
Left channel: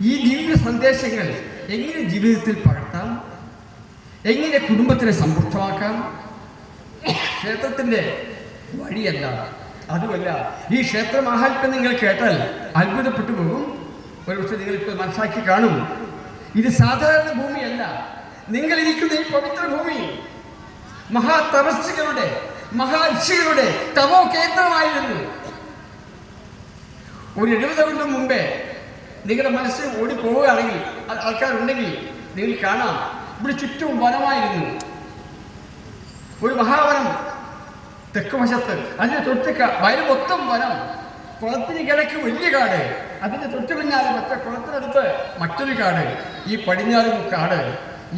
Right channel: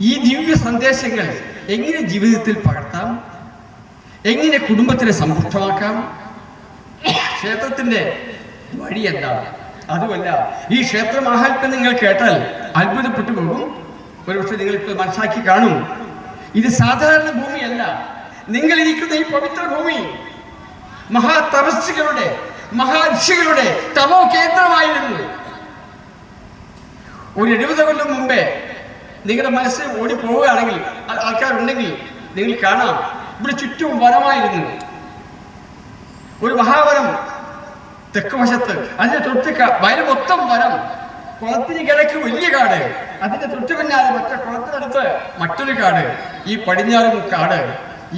ഈ ദിവ്യ സന്ദേശങ്ങൾ എങ്ങനെ ജീവിതത്തിൽ പകർത്താം, എങ്ങനെ കുടുംബത്തിനെ സമ്പുഷ്ടമാക്കാം? ക്ഷേത്രത്തിന്റെ വഴി എന്താണ്? അതുമല്ല, ഈ ക്ഷേത്ര മഹാത്മ്യം നിങ്ങൾ കേട്ടാൽ അത്ഭുതപ്പെട്ടു പോകും. ഒരുപക്ഷെ നിങ്ങൾക്ക് മനസ്സിലാക്കി കാണും, ഇത് സാധാരണ ഭൂമിയല്ല. നിങ്ങൾ ഇരിക്കുന്ന ഈ പവിത്ര ഭൂമി മഹാതപസ്സുകളുടെ, മഹാഋഷികളുടെ തമോ കേന്ദ്രമായിരുന്നു. ഒരു 70 കൊല്ലം മുമ്പേ നിങ്ങളുടെ മനസ്സിൽ ഓടി പോവുകയാണെങ്കിൽ, ആൾക്കാരുണ്ടെങ്കിൽ നിങ്ങൾ കാണാം, ഇവിടെ ചുറ്റും വനമായിരുന്നു. ഒരു മഹാവനം തെക്ക് വശത്ത്, അതിന്റെ തൊട്ട് വയല് മൊത്തം വനം, കുളത്തിന് കിഴക്ക് വലിയ കാട്, അതിന്റെ തൊട്ട് പിന്നാലെ മറ്റേ കുളത്തിനടുത്ത് മറ്റൊരു കാട്, ഈ പടിഞ്ഞാറും കാട്.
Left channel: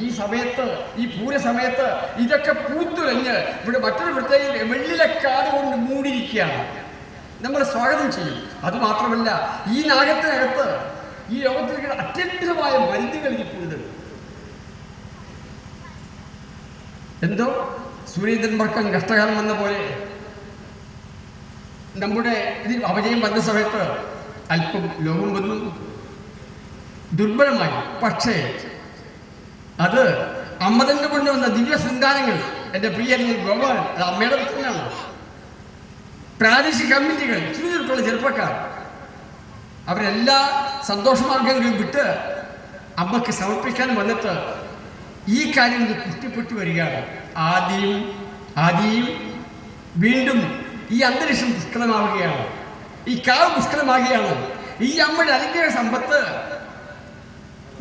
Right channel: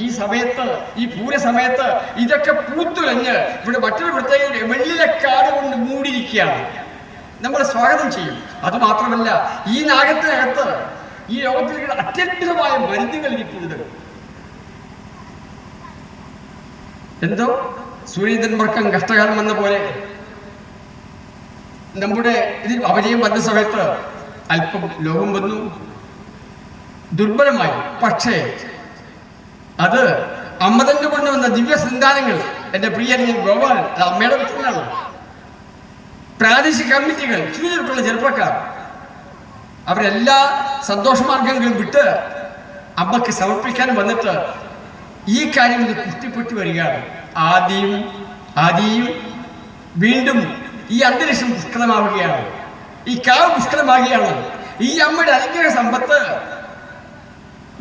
ഈ സമയത്ത്, ഈ പൂര സമയത്ത് ഇതൊക്കെ പൂത്തുലഞ്ഞ് ഇവിടെ മറ്റൊരു പ്രത്യേക വെള്ളിലെ കാട് കൊണ്ട് മൂടിയിരിക്കുകയാണ്. നമ്മളെ സ്വാഗതം ചെയ്യും. അതുമാത്രമല്ല, ഈ നാഗത്തിനകത്ത് ഈ ലോകത്തിലേക്ക് അത്യന്തമായ മരുന്നുകൾ ഇരിപ്പുണ്ട്. എന്തോ സൂര്യചന്ദ്രവർക്കം കഷ്ടകാലം വന്ന പോലെ നമ്മുടെ ഇതിൽ അപജയം വന്ന സമയത്ത് അല്പം ലോകം വന്നു, ദുർബലമായി. പക്ഷേ അത് അമ്മ തന്നെ കൊണ്ടുവന്ന ദിവ്യ സന്താനങ്ങൾ, എൻ്റെ പ്രിയ ഗോപാലൻ, അത് അമ്മയുടെ പുത്രനാണ്. പ്രാദേശിക കമ്മിറ്റികൾ, ചുരുക്കുള്ള ചെറുപ്പക്കാർ, അവരെല്ലാ സന്തോഷമാർഗങ്ങളും വിട്ട് അമ്മക്ക് സമർപ്പിക്കാൻ വന്നിട്ട് ഈ കാര്യങ്ങൾ കുട്ടിപ്പെട്ടി വരികയാണ്. ആദിയും വീണ്ടും ഈ അന്തരീക്ഷം പുഷ്കലമാവുകയാണ്, ഈ കാവ് പുഷ്കലമാവുകയാണ്. ഈ അമ്മയുടെ അനുഗ്രഹ സമ്പത്ത്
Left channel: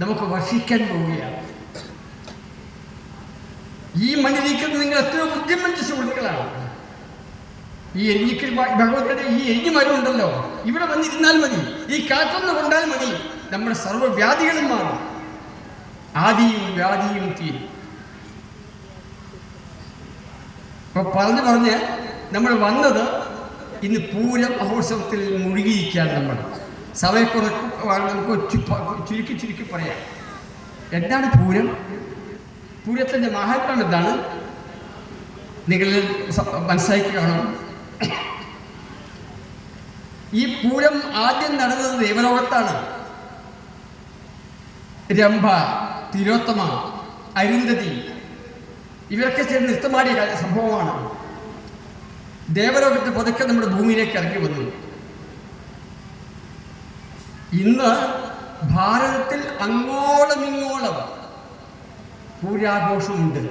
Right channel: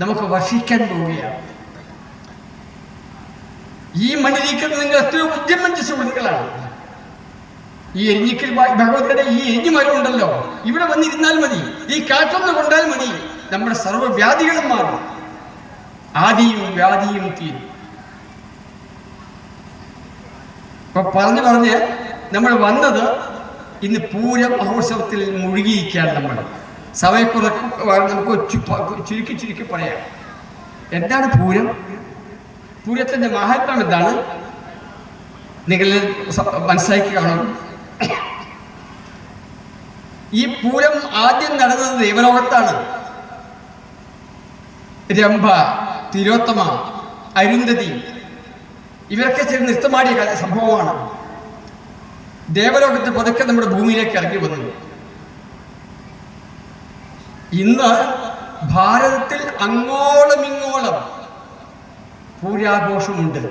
നമുക്ക് വർഷിക്കാൻ പോവുകയാണ്. ഈ മണ്ണിരിക്കുന്ന നിങ്ങൾ എത്രയോ ബുദ്ധിമഞ്ച സുഹൃത്തുക്കളാണ്. ഈ എരിഞ്ഞിക്കൽ ഭഗവതിയുടെ ഈ എരിഞ്ഞു മരം ഉണ്ടല്ലോ, ഇവിടെ വന്നിരുന്നാൽ മതി, ഈ കാറ്റൊന്ന് കൊണ്ടാൽ മതി, നമ്മുടെ സർവ്വവ്യാധികളും മാറും, ആദിയും വ്യാധിയും തീരും. അപ്പൊ പറഞ്ഞ് നമ്മൾ വന്നത് ഇന്ന് പൂര മഹോത്സവത്തിൽ മുഴുകിയിരിക്കുകയാണ്. നമ്മൾ സമയക്കുറക്ക് നമുക്ക് ചുരുക്കി പറയാം. എന്താണ് പൂരം? പൂരത്തിന്റെ മഹാത്മ്യം എന്താണ്? നിങ്ങൾ മനസ്സിലാക്കി കാണും. ഈ പൂരം ആദ്യം നടന്നത് ദേവലോകത്താണ്. രംഭ, തിലോത്തമ, അരുന്ധതി ഇവരൊക്കെ ചേർന്ന് നൃത്തമാടിയ സംഭവമാണ്. ദേവലോകത്ത് പതുക്കെ നമ്മുടെ ഭൂമിയിലേക്ക് ഇറങ്ങി വന്നു. ഇന്ന് ഭാരതത്തിൽ അങ്ങോളം ഇങ്ങോളം പൂരാഘോഷമുണ്ട്.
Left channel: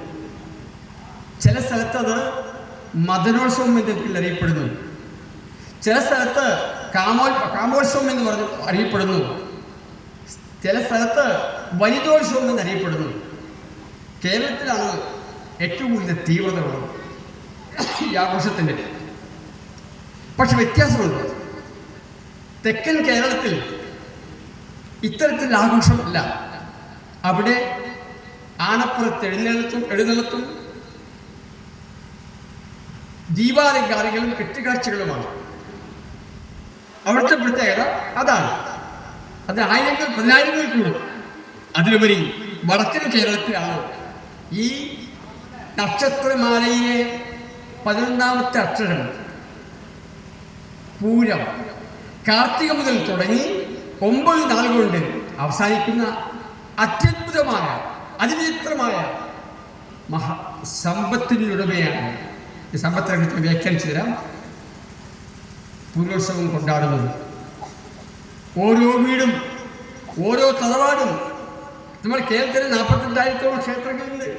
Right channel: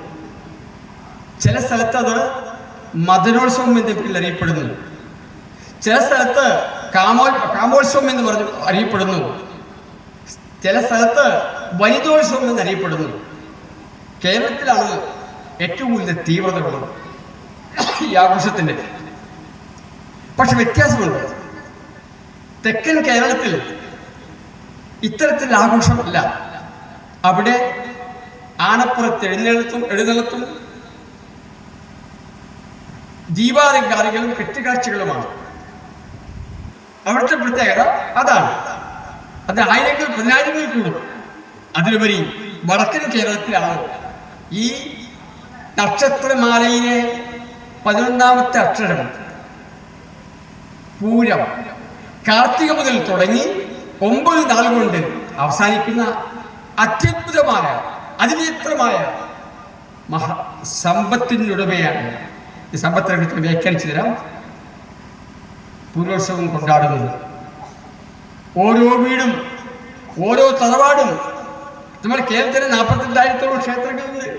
ചില സ്ഥലത്ത് അത് മദനോത്സവം എന്ന പേരിൽ അറിയപ്പെടുന്നു, ചില സ്ഥലത്ത് കാമോത്സവം എന്ന് പറഞ്ഞ് അറിയപ്പെടുന്നു, ചില സ്ഥലത്ത് വനിതോത്സവം എന്ന് അറിയപ്പെടുന്നു. കേരളത്തിലാണ് ഏറ്റവും കൂടുതൽ തീവ്രതയുള്ളത് ഈ ആഘോഷത്തിന്റെ. പക്ഷെ വ്യത്യാസമുണ്ട്. തെക്കൻ കേരളത്തിൽ ഇത്തരത്തിലുള്ള ആഘോഷമല്ല. അവിടെ ആനപ്പുറത്ത് എഴുന്നള്ളത്തും ദീപാലങ്കാരങ്ങളും കെട്ടുകാഴ്ചകളുമാണ്. അവിടുത്തെ പ്രത്യേകത അതാണ്. അത് ആയിരങ്ങൾ പതിനായിരങ്ങൾ കൂടും. അതിലുപരി വടക്കൻ കേരളത്തിലാണ് ഈ നക്ഷത്രമാലയിലെ 11ാമത്തെ അക്ഷരം പൂരം കാർത്തിക മുതൽ തുടങ്ങി 9 നാൾ കൊണ്ട് അവസാനിക്കുന്ന അത്യത്ഭുതമായ അതിവിചിത്രമായ സമ്പത്തിനുടമയാണ്. ഈ സമ്പത്തിനെ വ്യാഖ്യാനിച്ചു തരാം. പൂരോത്സവം കൊണ്ടാടുന്നത് ഓരോ വീടും ഓരോ തറവാടും. നമ്മുടെ കേരളത്തിൽ 42,000-ഓളം ക്ഷേത്രങ്ങളുണ്ട്.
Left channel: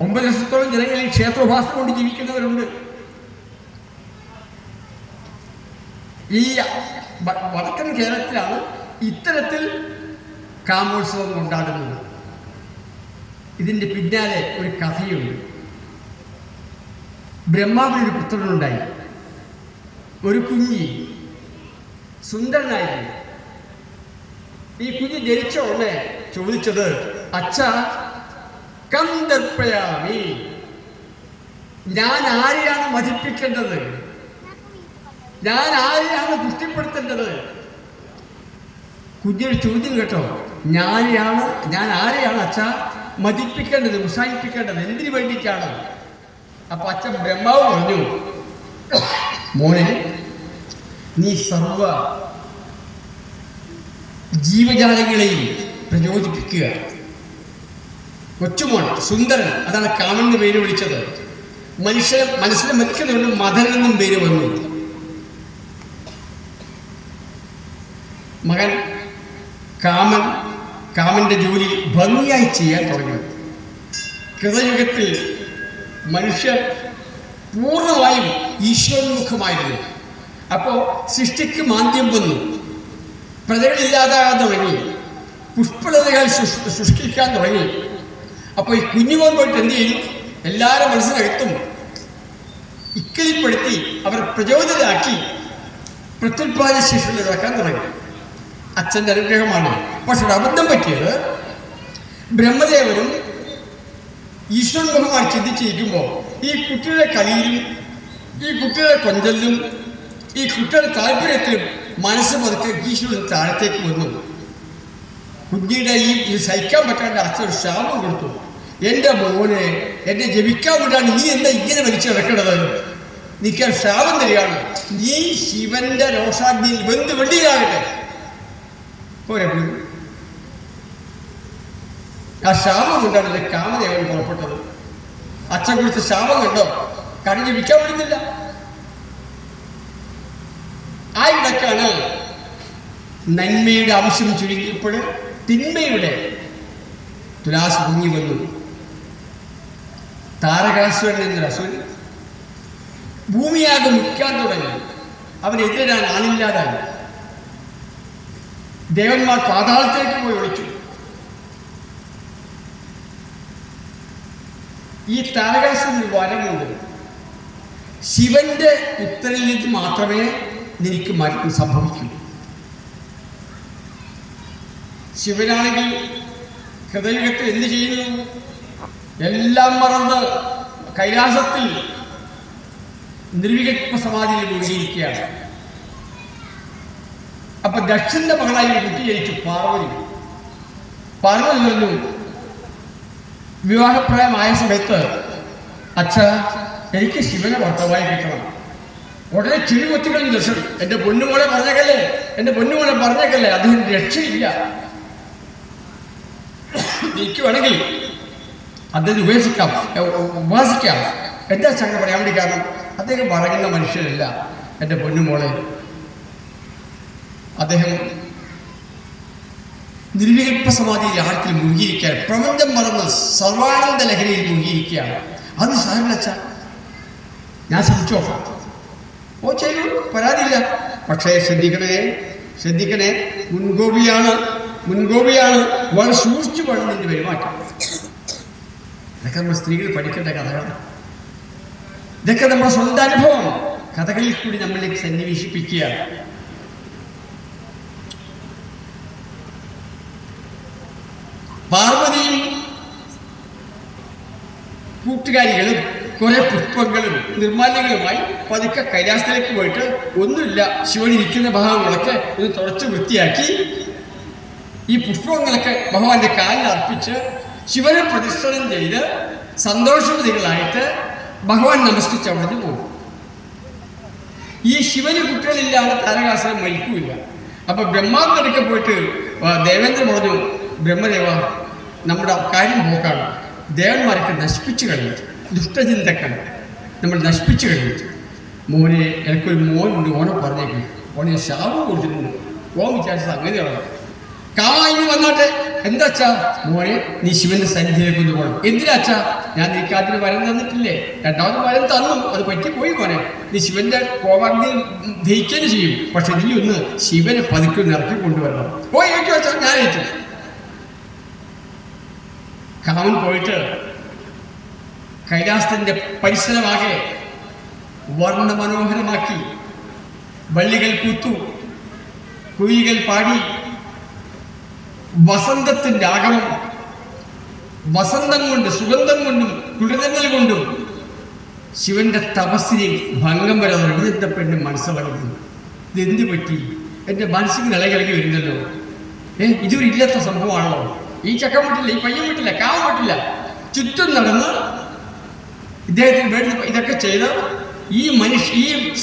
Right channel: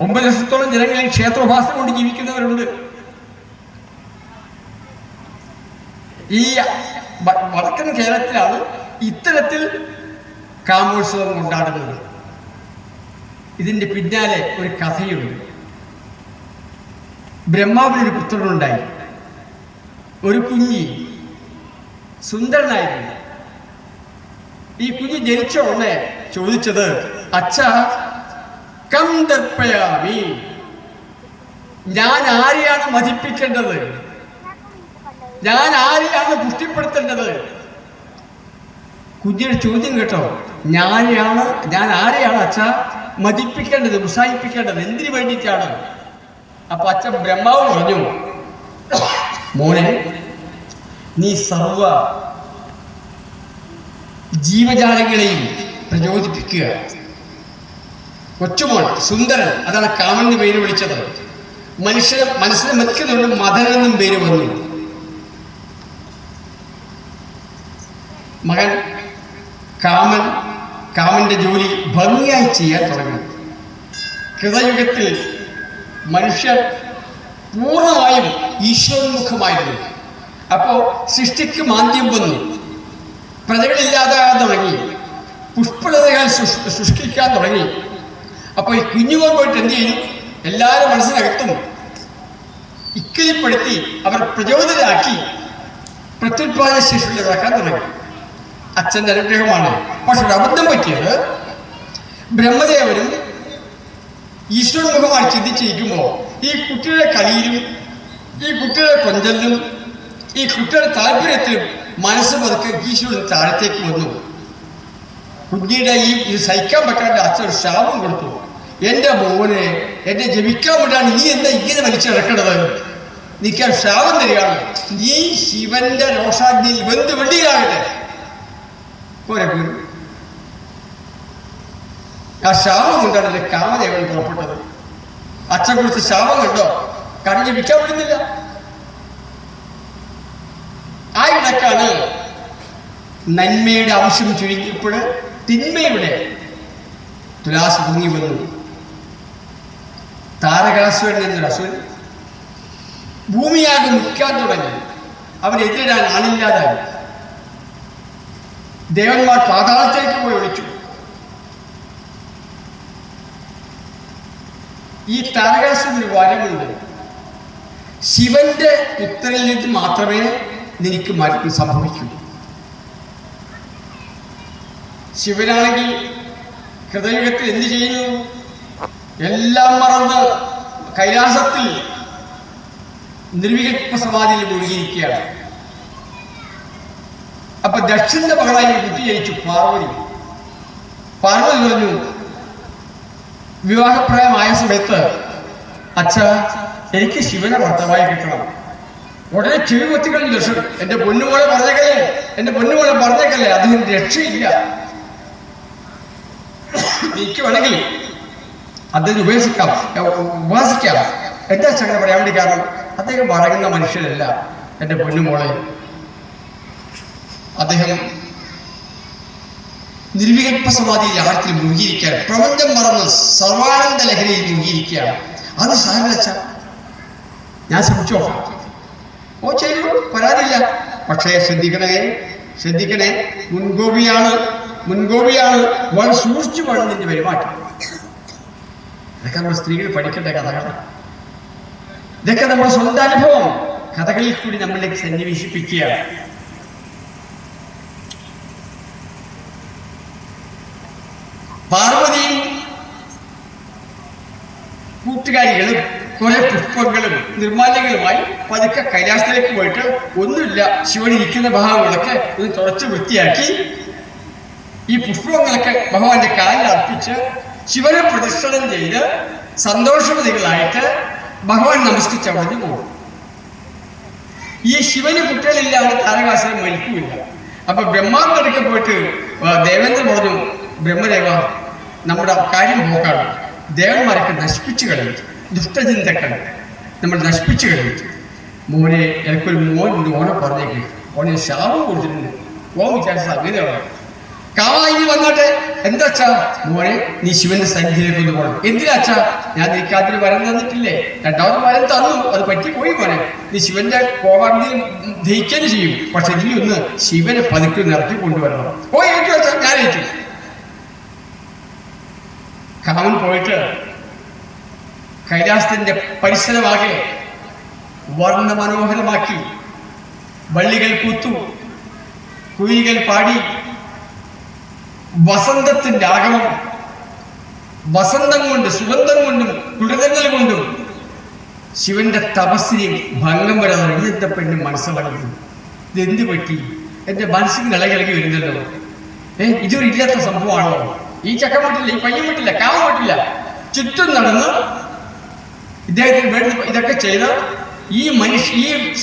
9 ലക്ഷത്തോളം ജനങ്ങളിൽ ക്ഷേത്രോപാസന കൊണ്ട് ജീവിക്കുന്നവരുണ്ട്. ഈ വടക്കൻ കേരളത്തിലാണ് ഇത്തരത്തിൽ കാമോത്സവം കൊണ്ടാടുന്നത്. ഇതിന്റെ പിന്നാലെ ഒരു കഥയുണ്ട്. ബ്രഹ്മാവിനൊരു പുത്രനുണ്ടായി. ഒരു കുഞ്ഞി സുന്ദരനായിരുന്നു. ഈ കുഞ്ഞ് ജനിച്ച ഉടനെ ചോദിച്ചത്, അച്ഛാ കം ദർപ്പയാമി, ഞാൻ ആരെയാണ് മതിപ്പിക്കേണ്ടത്, ഞാൻ ആരെയാണ് പുഷ്ടിപ്പെടുത്തേണ്ടത്? കുഞ്ഞിയുടെ ചോദ്യം കേട്ടോ. ഞാൻ ആരെയാണ് അച്ഛാ മതിപ്പിക്കേണ്ടത്, ഉത്സാഹിപ്പിക്കേണ്ടത്, എന്തിനു വേണ്ടിയിട്ടാണ്? അപ്പൊ അച്ഛൻ ബ്രഹ്മാവ് പറഞ്ഞു, മോനെ, നീ സർവ ജീവജാലങ്ങളെയും പ്രചോദിപ്പിക്കുക. കൊച്ചുമോൻ സുന്ദരൻ, അതാണ് കാമന്റെ പേര് വിളിച്ചത്. മനസ്സിലെ മനുഷ്യനുള്ള മദൻ എന്നും പേര് വന്നു. മകൻ കാമന്റെ ജോലി ഭംഗിയായി ചെയ്യാൻ തുടങ്ങി. കൃതയുഗത്തിൽ മനുഷ്യർ പൂർണ്ണമായും ഈശ്വരോന്മുഖമായിരുന്നു. അപ്പോ സൃഷ്ടിക്ക് മാന്ദ്യം വന്നു. പ്രജകളില്ലാതാകാൻ തുടങ്ങി. പുഷ്പലതകൾ സൃഷ്ടിക്കാൻ തുടങ്ങി. അപ്പോൾ ഈ കുഞ്ഞുമോൻ പോയിട്ട് എന്ത് ചെയ്യും? എല്ലാവരും മനസ്സിനകത്തും ഇക്കയിൽപ്പെടുത്തി അവർ പ്രചോദിതരാക്കി പ്രത്യുത്പാദന ശേഷിയുള്ളതാക്കാൻ തുടങ്ങി. അച്ഛൻ്റെ അനുഗ്രഹമാണ്. പക്ഷെ ഒരു അബദ്ധം പറ്റിയത്, ബ്രഹ്മദേവനും ഈശ്വരമുഖമായി ചിന്തിച്ചിരിക്കുമ്പോൾ ഈ കുട്ടിയുടെ കളിയിലും ഈ കുട്ടിയുടെ കൊഞ്ചലിലും ഈ കുട്ടിയുടെ താല്പര്യത്തിലും മനസ്സ് പതുക്കെ ഈശ്വരൻ താഴത്തേക്ക് വന്നു. കുഞ്ഞിയുടെ ഇത് സഹിക്കാൻ പറ്റാണ്ട് അച്ഛൻ ശാപം കൊടുത്തു. എൻ്റെ മോനെ, എന്നെ ജപിക്കാൻ വേണ്ടാണ് നീ എന്താ ഇങ്ങനെ വലിച്ചിറക്കണത്? നിൽക്കാൻ ശാപം തരികയാണ്. നീ ശിവന്റെ രോഷാഗ്നി വെന്ത് വെള്ളിയാകട്ടെ. പോരെ, ആ ശാപം കൊണ്ടാണ് കാമദേവൻ പുറപ്പെട്ടത്. അച്ഛൻ കൊടുത്ത് ശാപം കണ്ടോ? കടഞ്ഞ് വിൽക്കാൻ പറ്റുന്നില്ല. ആ ഇടക്കാണ് നന്മയുടെ ആവശ്യം ചുരുങ്ങിയപ്പോൾ തിന്മയുടെ തുലാസ് പൊങ്ങി വന്നു. താരകാസുരൻ എന്നൊരു അസുരൻ ഭൂമിയാകെ നിൽക്കാൻ തുടങ്ങി. അവനെതിരിടാൻ ആളില്ലാതായി. ദേവന്മാർ പാതാളത്തേക്ക് പോയി ഒളിച്ചു. ഈ താരകാസുരന് വരമുണ്ട്. ശിവന്റെ പുത്രനിൽ നിന്ന് മാത്രമേ നിനക്ക് മരണം സംഭവിക്കൂ. ശിവനാണെങ്കിൽ ഹൃദയത്തിൽ എന്ത് ചെയ്യുന്നു? എല്ലാം മറന്ന് കൈലാസത്തിൽ നിർവികൽപ്പ സമാധിയിൽ മുഴുകിയിരിക്കുകയാണ്. അപ്പൊ ദക്ഷിണ മകളായി കുട്ടി ജയിച്ചു പാർവതി. പാർവതി പറഞ്ഞു, വിവാഹപ്രായമായ സമയത്ത് അച്ഛാ, എനിക്ക് ശിവനെ ഭർത്താവായി കിട്ടണം. ഉടനെ ചെവി കൊത്തിക്കളഞ്ഞു ദർശനം. എന്റെ പൊന്നുമോളെ പറഞ്ഞേക്കല്ലേ, അദ്ദേഹം രക്ഷയില്ല. എനിക്ക് വേണമെങ്കിൽ അദ്ദേഹം ഉപാസിക്കാം. എന്താ ചങ്ങനെ പറയാൻ വേണ്ടി കാരണം, അദ്ദേഹം പറയുന്ന മനുഷ്യരല്ല എൻ്റെ പൊന്നുമോളെ. അദ്ദേഹം നിർവികൽപ്പ സമാധി യാത്രത്തിൽ മുങ്ങിയിരിക്കുകയാണ്. പ്രപഞ്ചം മറന്ന് സർവാനന്ദ ലഹരിയിൽ മുങ്ങിയിരിക്കുകയാണ്. അത് സാരമില്ല, ഞാൻ ശ്രമിച്ചോ? ഓ ചെയ്യൂ, പരാതിയില്ല. പക്ഷേ ശ്രദ്ധിക്കണേ, മുൻകോപിയാണ് വളരെ സൂക്ഷിച്ചു വേണം നിന്റെ പെരുമാറ്റം. ഇതൊക്കെ നമ്മൾ സ്ത്രീകൾ പഠിക്കേണ്ട കഥകളാണ്. ഇതൊക്കെ നമ്മുടെ സ്വന്തം അനുഭവം കഥകളിൽ കൂടി നമ്മളിലേക്ക് സന്നിവേശിപ്പിക്കുക. പാർവതിയും കൂട്ടുകാരികളും കുറെ പുഷ്പങ്ങളും നിർമ്മാല്യങ്ങളുമായി പതുക്കെ കൈലാസത്തിലേക്ക് പോയിട്ട് ഒന്നുമില്ല ശിവൻ ഇരിക്കുന്ന ഭാഗങ്ങളൊക്കെ ഇത് തുടച്ച് വൃത്തിയാക്കി ഈ പുഷ്പങ്ങളൊക്കെ ഭഗവാന്റെ കാലിൽ അർപ്പിച്ച് ശിവനെ പ്രദക്ഷിണം ചെയ്ത് സന്തോഷവതികളായിട്ട് ഭഗവാൻ നമസ്കരിച്ച് അവിടെ പോകും. ഈ ശിവന് കുട്ടികളില്ലാതെ താരകാസുരൻ മരിക്കൂല. അപ്പൊ ബ്രഹ്മാവിന്റെ അടുക്ക പോയിട്ട് ദേവേന്ദ്രൻ പറഞ്ഞു, ബ്രഹ്മദേവ, നമ്മുടെ കാര്യം പോക്കാണ്, ദേവന്മാരൊക്കെ നശിപ്പിച്ചു കളയും, ദുഷ്ടചിന്തകൾ നമ്മൾ നശിപ്പിച്ചു കഴിയും. മോനെ, എനിക്കൊരു മോനുണ്ട്, ഓനെ പറഞ്ഞേക്ക്, ഓനെ ശാപം കൊടുത്തിട്ടുണ്ട്, ഓൻ വിചാരിച്ച അങ്ങനെയാണ്. കാവായി വന്നോട്ടെ, എന്താച്ചാ മോനെ, നീ ശിവന്റെ സന്നിധിയിലേക്ക് ഒന്ന് പോകണം. എന്തിനാച്ചാ? ഞാൻ നിൽക്കാത്തൊരു വരം തന്നിട്ടില്ലേ, രണ്ടാമത് വരം തന്നു, അത് പറ്റിപ്പോയി മോനെ. നീ ശിവന്റെ കോവാണ്ടി ദഹിക്കുകയും ചെയ്യും, പക്ഷെ നീ ഒന്ന് ശിവനെ പതുക്കെ നിറക്കി കൊണ്ടുവരണം. പോയി ഏറ്റു വെച്ചാൽ ഞാൻ ഏറ്റു. കാവൻ പോയിട്ട് കൈലാസത്തിന്റെ പരിസരമാകെ വർണ്ണമനോഹരമാക്കി, വള്ളികൾ പൂത്തു, കുയിലുകൾ പാടി, വസന്തത്തിന്റെ ആഗമം, വസന്തം കൊണ്ട്, സുഗന്ധം കൊണ്ടും കുളിരങ്ങൾ കൊണ്ടും ശിവന്റെ തപസ്സിനെ ഭംഗം വരാതെ എഴുന്നേറ്റ പെണ്ണ് മനസ്സിലാകുന്നു. ഇതെന്ത് പറ്റി? എന്റെ മനസ്സിന് നിലകിളകി വരുന്നല്ലോ. ഇതൊരു ഇല്ലാത്ത സംഭവമാണല്ലോ. ഈ ചക്കം വിട്ടില്ല, ഈ പയ്യൻ വിട്ടില്ല, കാമം വിട്ടില്ല, ചുറ്റും നടന്ന് ഇദ്ദേഹത്തിന് വേണ്ടി ഇതൊക്കെ ചെയ്ത് ഈ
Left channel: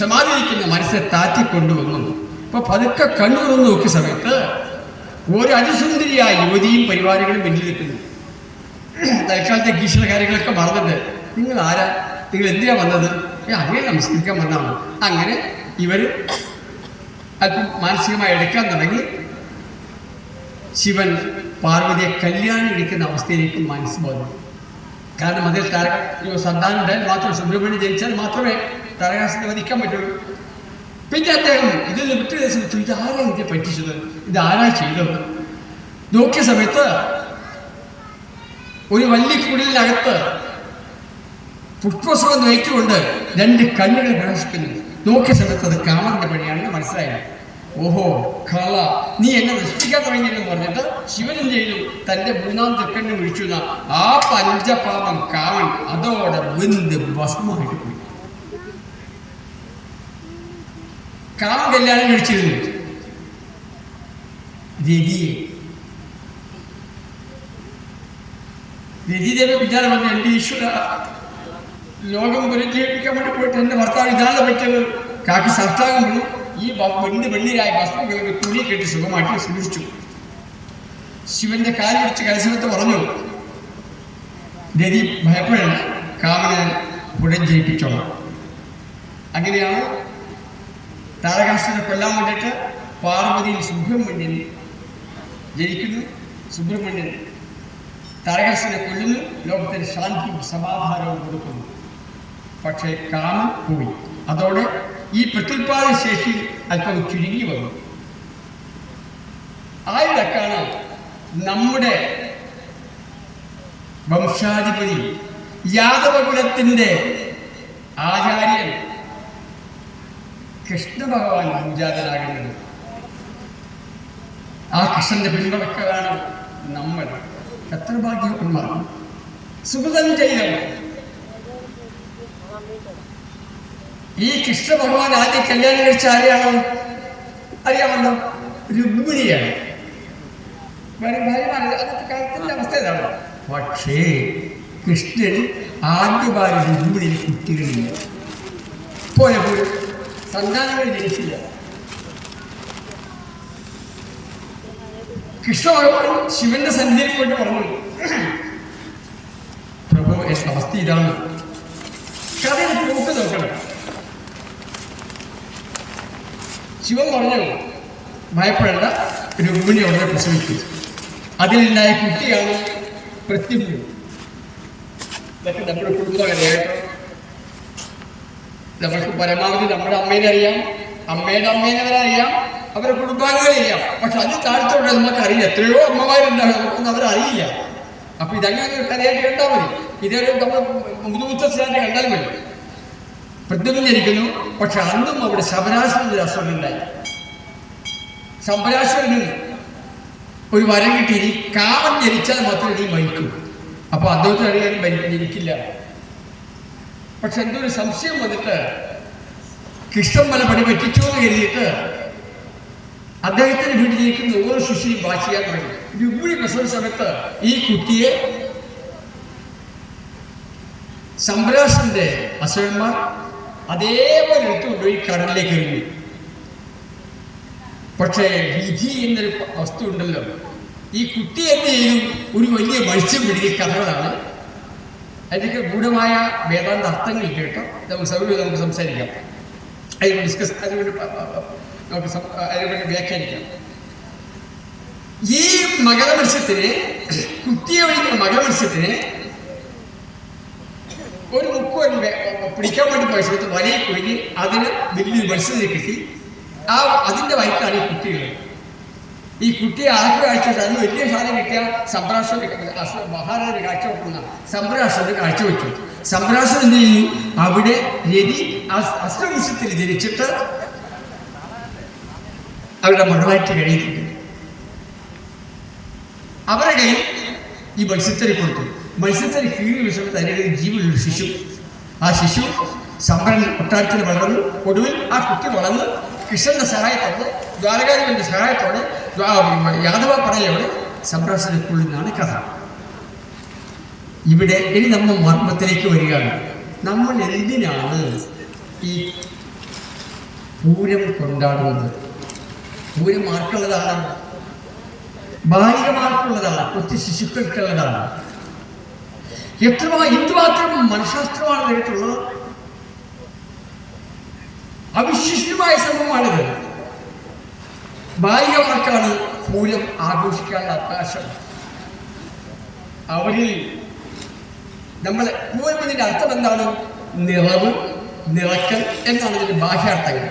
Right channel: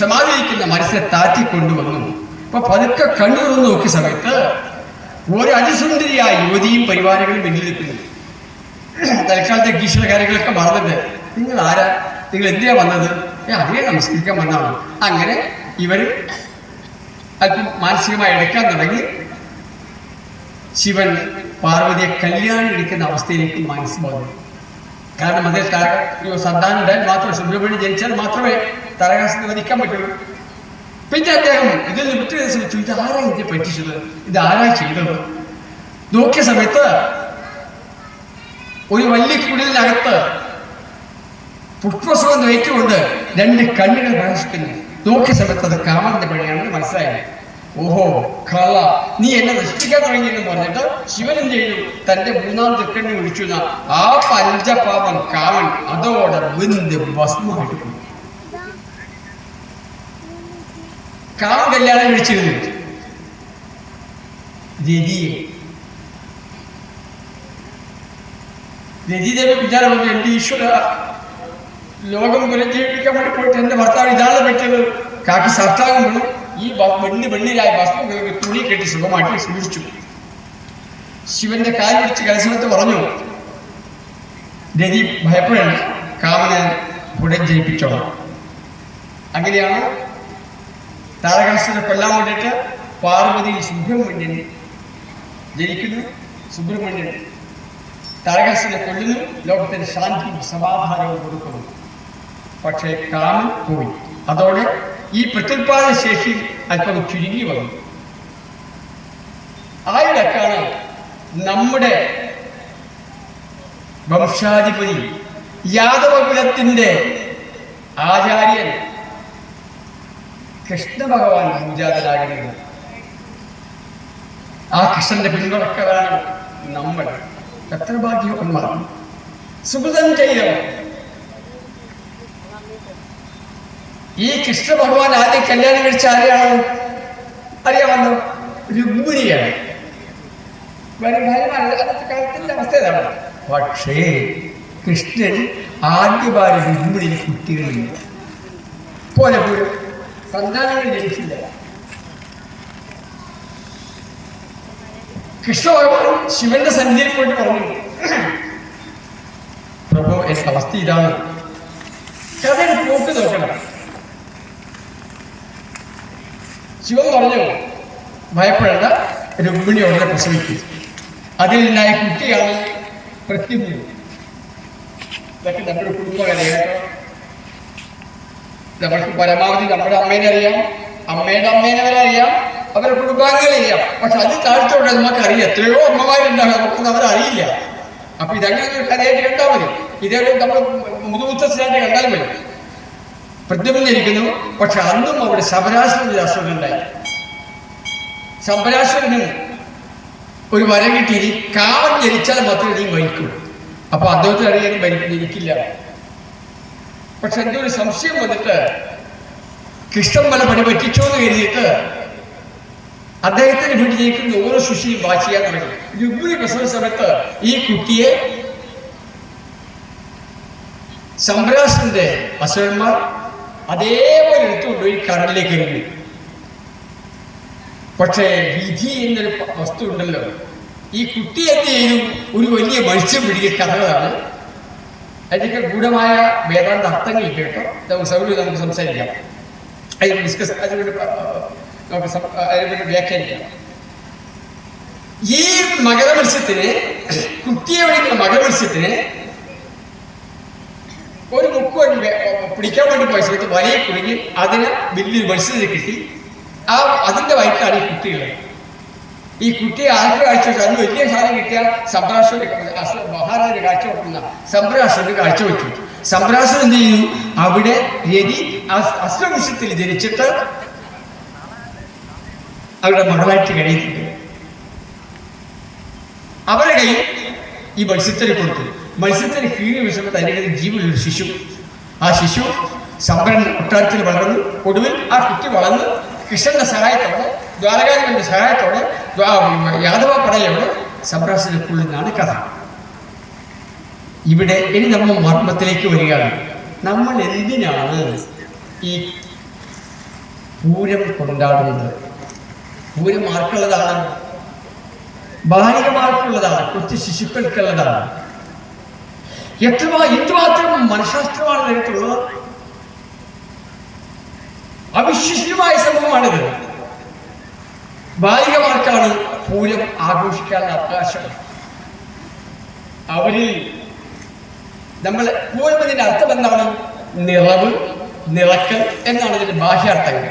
സമാധിക്കുന്ന മനസ്സിനെ താറ്റിക്കൊണ്ടുവന്നു. അപ്പൊ പതുക്കെ കണ്ണു തുറന്ന് നോക്കിയ സമയത്ത് ഒരു അതിസുന്ദരിയായ യുവതിയും പരിവാരങ്ങളും മുന്നിൽ നിൽക്കുന്നു. തൽക്കാലത്തെ ഗീഷണ കാര്യങ്ങളൊക്കെ മറന്നിട്ട്, നിങ്ങൾ ആരാ, നിങ്ങൾ എന്തിനാ വന്നത്? അങ്ങനെ നമസ്കരിക്കാൻ വന്നതാണ്. അങ്ങനെ ഇവർ അല്പം മാനസികമായി എടുക്കാൻ തുടങ്ങി. ശിവൻ പാർവതിയെ കല്യാണം എടുക്കുന്ന അവസ്ഥയിലേക്ക് മനസ്സിലാകുന്നു. കാരണം അതിൽ സന്താനം ഉണ്ടായാൽ മാത്രമേ, സുബ്രഹ്മണ്യം ജനിച്ചാൽ മാത്രമേ താരകാസുരനെ വധിക്കാൻ പറ്റുള്ളൂ. പിന്നെ അദ്ദേഹം ഇതിൽ വിട്ടു ശ്രമിച്ചു, ഇതാരാ ഇതിനെ പറ്റിച്ചത്, ഇതാരാ ചെയ്തത്? നോക്കിയ സമയത്ത് ഒരു വല്ലിക്കുടിലിനകത്ത് പുഷ്പസുഖം നയിച്ചുകൊണ്ട് രണ്ട് കണ്ണുകൾ പ്രകാശിക്കുന്നു. നോക്കിയ സമയത്ത് അത് കാമന്റെ പണിയാണെന്ന് മനസ്സിലായത്. ഓഹോ, കള, നീ എന്നെ നശിപ്പിക്കാൻ തുടങ്ങിയെന്ന് പറഞ്ഞിട്ട് ശിവൻ ചെയ്യും, തന്റെ മൂന്നാം തെക്കണ്ണി ഒഴിച്ചു. ആ പഞ്ചപാപം കാമൻ അതോടെ വെന്ത് ഭസ്മമെടുക്കും. കാമൻ കല്യാണം കഴിച്ചിരുന്നു രതിയെ. രതിദേവി വിചാരം പറഞ്ഞു, എന്റെ ഈശ്വര, ലോകം പുനർജീവിപ്പിക്കാൻ വേണ്ടി പോയിട്ട് എന്റെ ഭർത്താവ് ഇതാണ് പറ്റിയത്. കാക്കി സർട്ടാകുമ്പോൾ ഈ വെണ്ണിരായ ഭസ്മ തുണി കെട്ടി സുഖമാക്കി സൂക്ഷിച്ചു. ശിവന്റെ കാല് പിടിച്ച് കലശമത്ത് പറഞ്ഞു, രതി ഭയപ്പെടണം, കാമനെ ഉടൻ ജയിപ്പിച്ചോളാം. അങ്ങനെയാണ് താരകാസുരനെ കൊല്ലാൻ വേണ്ടിയിട്ട് പാർവതിയിൽ സുബ്രഹ്മണ്യൻ ജനിക്കുന്നു. സുബ്രഹ്മണ്യൻ താരകാസുരനെ കൊല്ലുന്നു, ലോകത്തിന് ശാന്തിയും സമാധാനവും കൊടുക്കുന്നു. പക്ഷേ കാമൻ പോയി. അതോടെ ഈ പ്രത്യുൽപാദന ശേഷി അല്പം ചുരുങ്ങി വന്നു. ആയിടക്കാണ് നമ്മുടെ വംശാധിപതി യാദവകുലത്തിന്റെ ആചാര്യൻ കൃഷ്ണ ഭഗവാൻ പൂജാതനാകുന്നത്. ആ കൃഷ്ണന്റെ പിന്തുണക്കാണ് നമ്മൾ. എത്ര ഭാഗ്യവാന്മാരാണ്, സുഹൃതം ചെയ്യണം. ഈ കൃഷ്ണ ഭഗവാൻ ആദ്യം കല്യാണം കഴിച്ച ആരെയാണോ അറിയാമല്ലോ? രുക്മിണിയാണ്. അന്നത്തെ കാലത്തിന്റെ അവസ്ഥ ഇതാണ്. പക്ഷേ കൃഷ്ണൻ ആദ്യമായി രുക്മിണിയിൽ കുട്ടികളില്ല, പോലെ സന്താനങ്ങൾ ജനിച്ചില്ല. കൃഷ്ണ ഭഗവാൻ ശിവന്റെ സന്നിധിയിൽ പോയിട്ട് പറഞ്ഞു, പ്രഭു, എന്റെ അവസ്ഥ ഇതാണ്, കഥയുടെ പോക്ക് നോക്കണം. ശിവൻ പറഞ്ഞു, ഭയപ്പെടേണ്ട, രുക്മിണി അവരെ പ്രസവിക്കും. അതിലുണ്ടായ കുട്ടിയാണ് പ്രത്യുമ്നൻ. ഇതൊക്കെ നമ്മുടെ കുടുംബകഥയായിട്ട് നമ്മൾക്ക് പരമാവധി നമ്മുടെ അമ്മേനെ അറിയാം, അമ്മയുടെ അമ്മേനെ അറിയാം, അവരുടെ കുടുംബാംഗങ്ങളെ അറിയാം. പക്ഷെ അത് കാഴ്ചയോടെ നമുക്കറിയില്ല. എത്രയോ അമ്മമാരുണ്ടാകും, നമുക്കൊന്നും അവരറിയില്ല. അപ്പൊ ഇതങ്ങനെ ഒരു കഥയായിട്ട് കണ്ടാൽ മതി. ഇതേ നമ്മൾ മുതുമുത്തച്ഛനായിട്ട് കണ്ടാൽ മതി. പ്രത്യുമ്നനിരിക്കുന്നു. പക്ഷെ അന്നും അവിടെ ശബരാസുരന്റെ അസുഖം ഉണ്ടായി. ശബരാസുരനും ഒരു വരം കിട്ടി, കാമൻ ജനിച്ചാൽ മാത്രമേ നീ മരിക്കൂ. അപ്പൊ അദ്ദേഹത്തിന് അറിയാൻ ജനിക്കില്ല. പക്ഷെ എൻ്റെ ഒരു സംശയം വന്നിട്ട് കൃഷ്ണൻ പല പണി പറ്റിച്ചോ എന്ന് കരുതിയിട്ട് അദ്ദേഹത്തിന് വീട്ടിൽ ജയിക്കുന്ന ഓരോ ശിശുവും വാച്ച് ചെയ്യാൻ തുടങ്ങി. രുക്മിണി പ്രസവ സമയത്ത് ഈ കുട്ടിയെ സംഭ്രാസന്റെ അസുരന്മാർ അതേപോലെ എടുത്തുകൊണ്ടുപോയി കടലിലേക്ക് എറിഞ്ഞു. പക്ഷേ വിധി എന്നൊരു വസ്തു ഉണ്ടല്ലോ, ഈ കുട്ടി എന്ത് ചെയ്യും, ഒരു വലിയ മത്സ്യം പിടിക്കുക കഥകളാണ്. അതിനൊക്കെ ഗൂഢമായ വേദാന്ത അർത്ഥങ്ങൾ കേട്ടോ നമുക്ക് സൗകര്യം നമുക്ക് സംസാരിക്കാം, അതിന് ഡിസ്കസ് നമുക്ക് വ്യാഖ്യാനിക്കാം. ഈ മകരമത്സ്യത്തിന്, കുട്ടിയെ വഴിക്കുന്ന മകരമത്സ്യത്തിന് ഒരു മുക്ക് പിടിക്കാൻ വേണ്ടി പോയ സമയത്ത് വലയെ കുടുങ്ങി അതിന് വലിയൊരു മത്സ്യത്തിന് കിട്ടി. അതിന്റെ വയറ്റിലാണ് ഈ കുട്ടികൾ. ഈ കുട്ടിയെ ആർക്ക് കാഴ്ച വെച്ചു? അന്ന് വലിയ സാധനം കിട്ടിയ സംഭ്രാസന് മഹാരാജ കാഴ്ച വെക്കുന്ന സംഭ്രാസന് കാഴ്ച വെച്ചു. സംഭ്രാസൻ എന്ത് ചെയ്തു? അവിടെ രവി അസ്ത്രവംശത്തിൽ ജനിച്ചിട്ട് അവരുടെ മകളായിട്ട് കഴിയുന്നുണ്ട്. അവരെ കയ്യിൽ ഈ മത്സ്യത്തിന് കൊടുത്തു. മത്സ്യത്തിന് കീഴിൽ വിഷമത്ത് അതിൻ്റെ ജീവനുള്ള ശിശു. ആ ശിശു സംഭ്രന്റെ കൊട്ടാരത്തിൽ വളർന്നു. ഒടുവിൽ ആ കുട്ടി വളർന്ന് കൃഷ്ണന്റെ സഹായത്തോടെ, ദ്വാരകാരന്റെ സഹായത്തോടെ യാദവ പടയോടെ സംഭ്രാസനക്കുള്ളിലാണ് കഥ. ഇവിടെ ഇനി നമ്മൾ മർമ്മത്തിലേക്ക് വരികയാണ്. നമ്മൾ എന്തിനാണ് ഈ പൂരം കൊണ്ടാടുന്നത്? പൂരം ആർക്കുള്ളതാണ്? ബാലികമാർക്കുള്ളതാണ്, കൊച്ചു ശിശുക്കൾക്കുള്ളതാണ്. എന്തുമാത്രം മനഃശാസ്ത്രമാണ് ഇതിനകത്തുള്ളത്. അവിശ്വസനീയമായ സംഭവമാണിത്. ബാലികമാർക്കാണ് പൂരം ആഘോഷിക്കാനുള്ള അവകാശം. അവരിൽ നമ്മൾ പൂരം എന്നതിന്റെ അർത്ഥം എന്താണ്? നിറവ്, നിറക്കൽ എന്നാണ് ഇതിന്റെ ഭാഷാർത്ഥങ്ങൾ.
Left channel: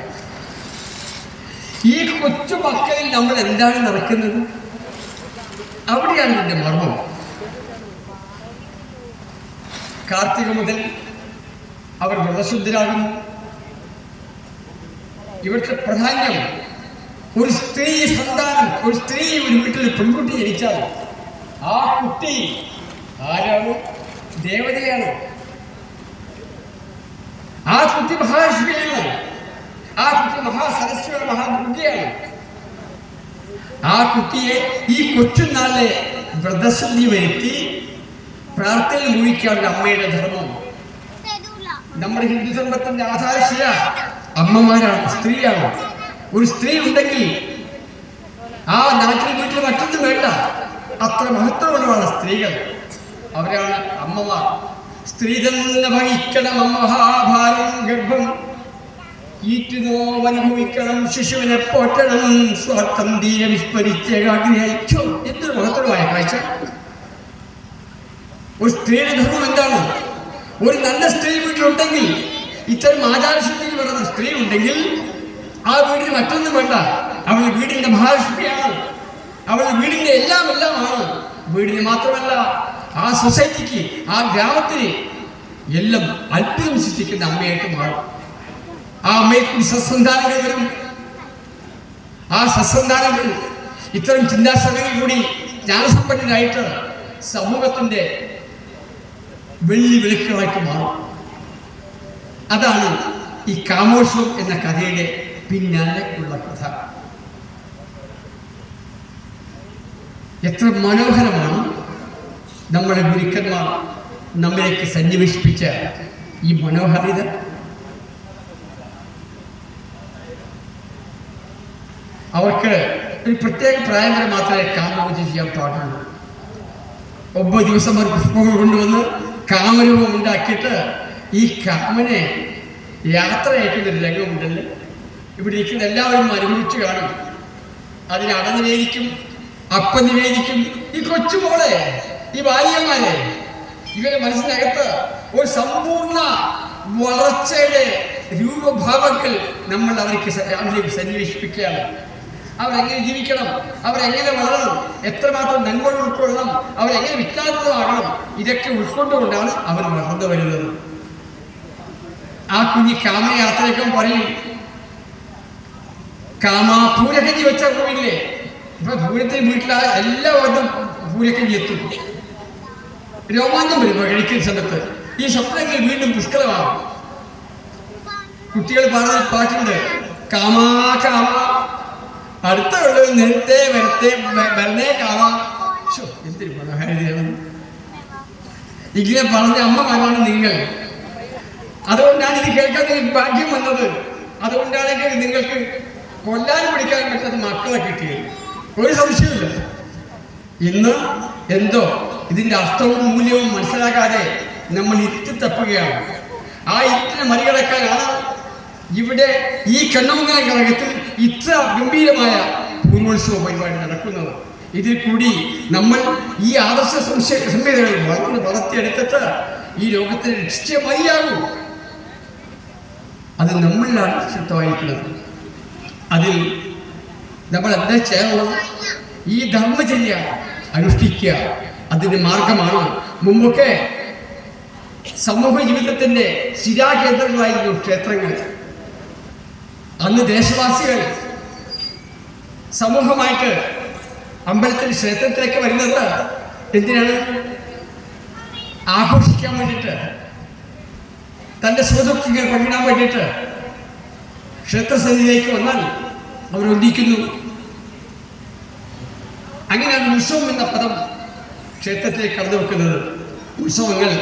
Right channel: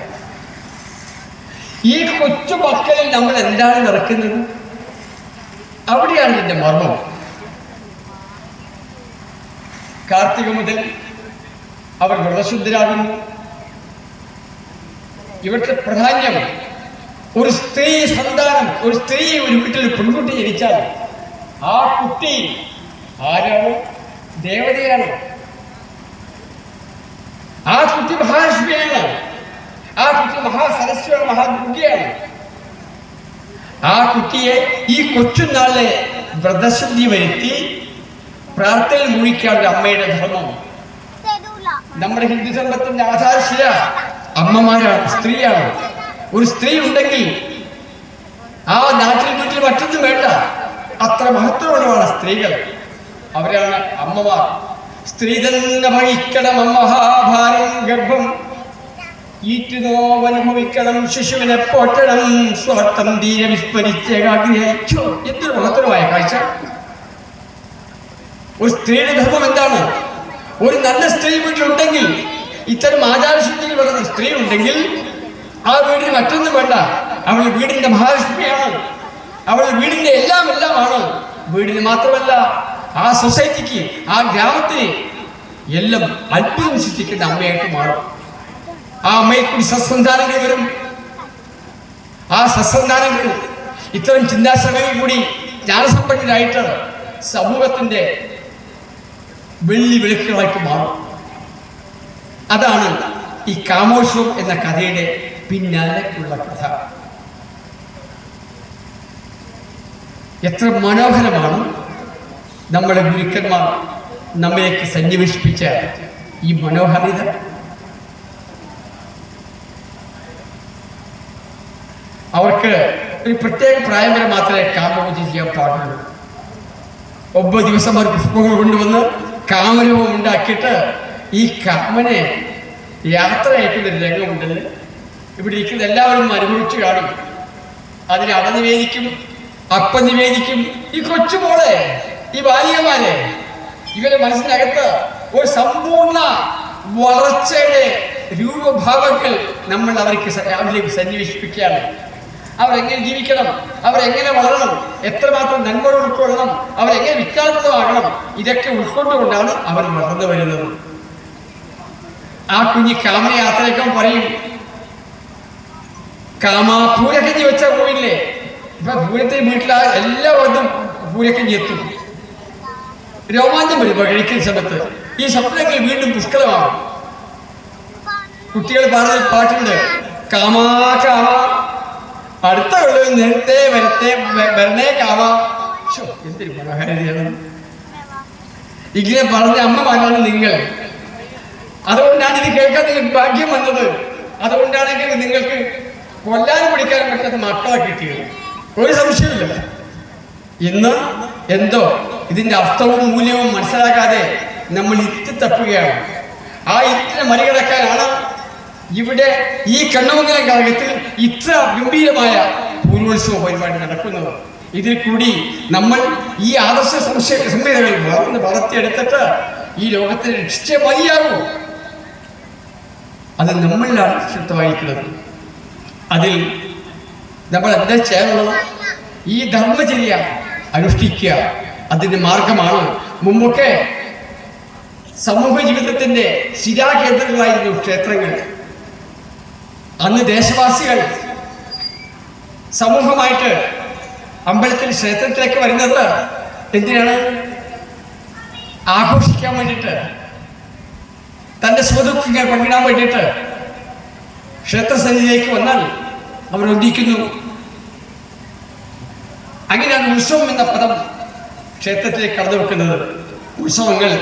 ഈ കൊച്ചു മക്കളിൽ നമ്മൾ എന്താണ് നിറക്കുന്നത്? അവിടെയാണ് ഇതിന്റെ മർമ്മം. കാർത്തിക മുതൽ അവർ വ്രതശുദ്ധരാകുന്നു. ഇവിടുത്തെ പ്രാധാന്യം, ഒരു സ്ത്രീ സന്താനം, ഒരു സ്ത്രീ ഒരു വീട്ടിൽ പെൺകുട്ടി ജനിച്ചാൽ ആ കുട്ടി ആരാണ്? ദേവതയാണ്. ആ കുട്ടി മഹാലക്ഷ്മിയാണ്. ആ കുട്ടി മഹാസരസ്വതിയാണ്, മഹാദുർഗയാണ്. ആ കുട്ടിയെ ഈ കൊച്ചുനാളിലെ വ്രതശുദ്ധി വരുത്തി പ്രാർത്ഥനയിൽ മുഴിക്കാനുള്ള അമ്മയുടെ ധർമ്മം. നമ്മുടെ ഹിന്ദു ധർമ്മത്തിന്റെ ആധാരശില അമ്മമാരാണ്, സ്ത്രീയാണ്. ഒരു സ്ത്രീ ഉണ്ടെങ്കിൽ ആ നാട്ടിൽ വീട്ടിൽ മറ്റൊന്നും വേണ്ട, അത്ര മഹത്വമുള്ളതാണ് സ്ത്രീകൾ. അവരാണ് അമ്മമാർ. സ്ത്രീ തന്നെ വഹിക്കണം മഹാഭാരം ഗർഭം, ഈറ്റുനോവനുഭവിക്കണം, ശിശുവിനെ പോറ്റണം, സ്വാർത്ഥം തീരെ വിസ്മരിച്ചേകാഗ്രഹിച്ചു. എന്തൊരു മഹത്വമായ കാഴ്ച. ഒരു സ്ത്രീയുടെ ധർമ്മം എന്താണ്? ഒരു നല്ല സ്ത്രീ വീട്ടിലുണ്ടെങ്കിൽ, ഇത്തരം ആചാരശുദ്ധിക്ക് വരുന്ന സ്ത്രീ ഉണ്ടെങ്കിൽ ആ വീടിന് മറ്റൊന്നും വേണ്ട. അവൾ വീടിന്റെ മഹാലക്ഷ്മിയാണ്. അവൾ വീടിന്റെ എല്ലാമാണ്. വീടിന് മാത്രമല്ല, ആ സൊസൈറ്റിക്ക്, ആ ഗ്രാമത്തിന് എല്ലാം അത്ഭുതം സൃഷ്ടിക്കുന്ന അമ്മയായിട്ട് മാറും. ആ അമ്മയെ കൂടി സത്സന്താനങ്ങൾ വരും. ആ സത്സന്താനങ്ങൾ ഇത്തരം ചിന്താശക്തിയിൽ കൂടി ജ്ഞാനസമ്പന്നരായിട്ട് സമൂഹത്തിന്റെ വെള്ളി വെളുക്കുകളായിട്ട് മാറും. അതാണ് ഈ കാമോത്സവം എന്ന കഥയുടെ പിന്നാലെ ഉള്ള കഥ. എത്ര മനോഹരമാണ് നമ്മുടെ ഗുരുക്കന്മാർ നമ്മയൊക്കെ സന്നിവേശിപ്പിച്ച ഈ മനോഹാരിത. അവർക്ക് ഒരു പ്രത്യേക പ്രായം വരെ മാത്രമേ കാമപൂജ ചെയ്യാൻ പാടുള്ളൂ. 9 ദിവസം അവർ പുഷ്പങ്ങൾ കൊണ്ടുവന്ന് കാമരൂപം ഉണ്ടാക്കിയിട്ട് ഈ കാമനെ യാത്ര അയക്കുന്നൊരു രംഗമുണ്ടല്ലോ. ഇവിടെ ഇരിക്കുന്ന എല്ലാവരും അനുഭവിച്ചു കാണും. അതിന് അട നിവേദിക്കും, അപ്പം നിവേദിക്കും. ഈ കൊച്ചുമോളെ, ഈ ബാലികമാരെ, ഇവരുടെ മനസ്സിനകത്ത് ഒരു സമ്പൂർണ്ണ വളർച്ചയുടെ രൂപഭാവങ്ങൾ നമ്മൾ അവർക്ക് സന്നിവേശിപ്പിക്കുകയാണ്. അവരെങ്ങനെ ജീവിക്കണം, അവരെങ്ങനെ വളരണം, എത്രമാത്രം നന്മകൾ ഉൾക്കൊള്ളണം, അവരെങ്ങനെ വിജ്ഞാനമാകണം, ഇതൊക്കെ ഉൾക്കൊണ്ടുകൊണ്ടാണ് അവർ വളർന്നു വരുന്നത്. ആ കുഞ്ഞി കാമയാത്രയൊക്കെ പറയും, പൂരക്കഞ്ഞി വെച്ചാൽ പോയില്ലേ? ഇപ്പൊ പൂരത്തിന് വീട്ടിൽ എല്ലാവർക്കും പൂരക്കഞ്ഞി എത്തും. രോമാഞ്ചം വരും കഴിക്കുന്ന സമയത്ത്. ഈ സ്വപ്നങ്ങൾ വീണ്ടും പുഷ്കലമാകും. കുട്ടികൾ പാടുന്ന പാട്ടുണ്ട്, കാമാ കാമ അടുത്ത നേരത്തെ വരത്തെ വരണേ കാമ. എന്തൊരു മനോഹാരിതയാണ്. ഇങ്ങനെ പറഞ്ഞ അമ്മമാരാണ് നിങ്ങൾ. അതുകൊണ്ടാണ് ഇത് കേൾക്കാൻ നിങ്ങൾക്ക് ഭാഗ്യം വന്നത്. അതുകൊണ്ടാണ് നിങ്ങൾക്ക് കൊല്ലാനും പിടിക്കാനും പറ്റാത്ത മക്കളെ കിട്ടിയത്. ഒരു സംശയമില്ല. ഇന്ന് എന്തോ ഇതിന്റെ അർത്ഥവും മൂല്യവും മനസ്സിലാക്കാതെ നമ്മൾ ഇത്തി തപ്പുകയാണ്. ആ ഇത്തിനെ മറികടക്കാനാണ് ഇവിടെ ഈ കണ്ണമംഗലം ഘടകത്തിൽ ഇത്ര ഗംഭീരമായ പൂർവോത്സവ പരിപാടി നടക്കുന്നത്. ഇതിൽ കൂടി നമ്മൾ ഈ ആദർശ സംഹിതകൾ വളർത്തിയെടുത്തിട്ട് ഈ ലോകത്തിന് രക്ഷിച്ചേ മതിയാകൂ. അത് നമ്മളിലാണ് ശുദ്ധമായിരിക്കുന്നത്. അതിൽ നമ്മൾ എന്താ ചെയ്യാനുള്ളത്? ഈ ധർമ്മചര്യ അനുഷ്ഠിക്കുക അതിന്റെ മാർഗമാണ്. മുമ്പൊക്കെ സമൂഹ ജീവിതത്തിന്റെ ശിരാകേന്ദ്രങ്ങളായിരുന്നു ക്ഷേത്രങ്ങൾ. അന്ന് ദേശവാസികൾ സമൂഹമായിട്ട് അമ്പലത്തിൽ ക്ഷേത്രത്തിലേക്ക് വരുന്നത് എന്തിനാണ്? ആഘോഷിക്കാൻ വേണ്ടിയിട്ട്, തന്റെ സുഖദുഃഖങ്ങൾ പങ്കിടാൻ വേണ്ടിയിട്ട് ക്ഷേത്രസന്നിധിയിലേക്ക് വന്നാൽ അവരൊന്നിക്കുന്നു. അങ്ങനെയാണ് ഉത്സവം എന്ന പദം ക്ഷേത്രത്തിലേക്ക് കടന്നു വെക്കുന്നത്. ഉത്സവങ്ങൾ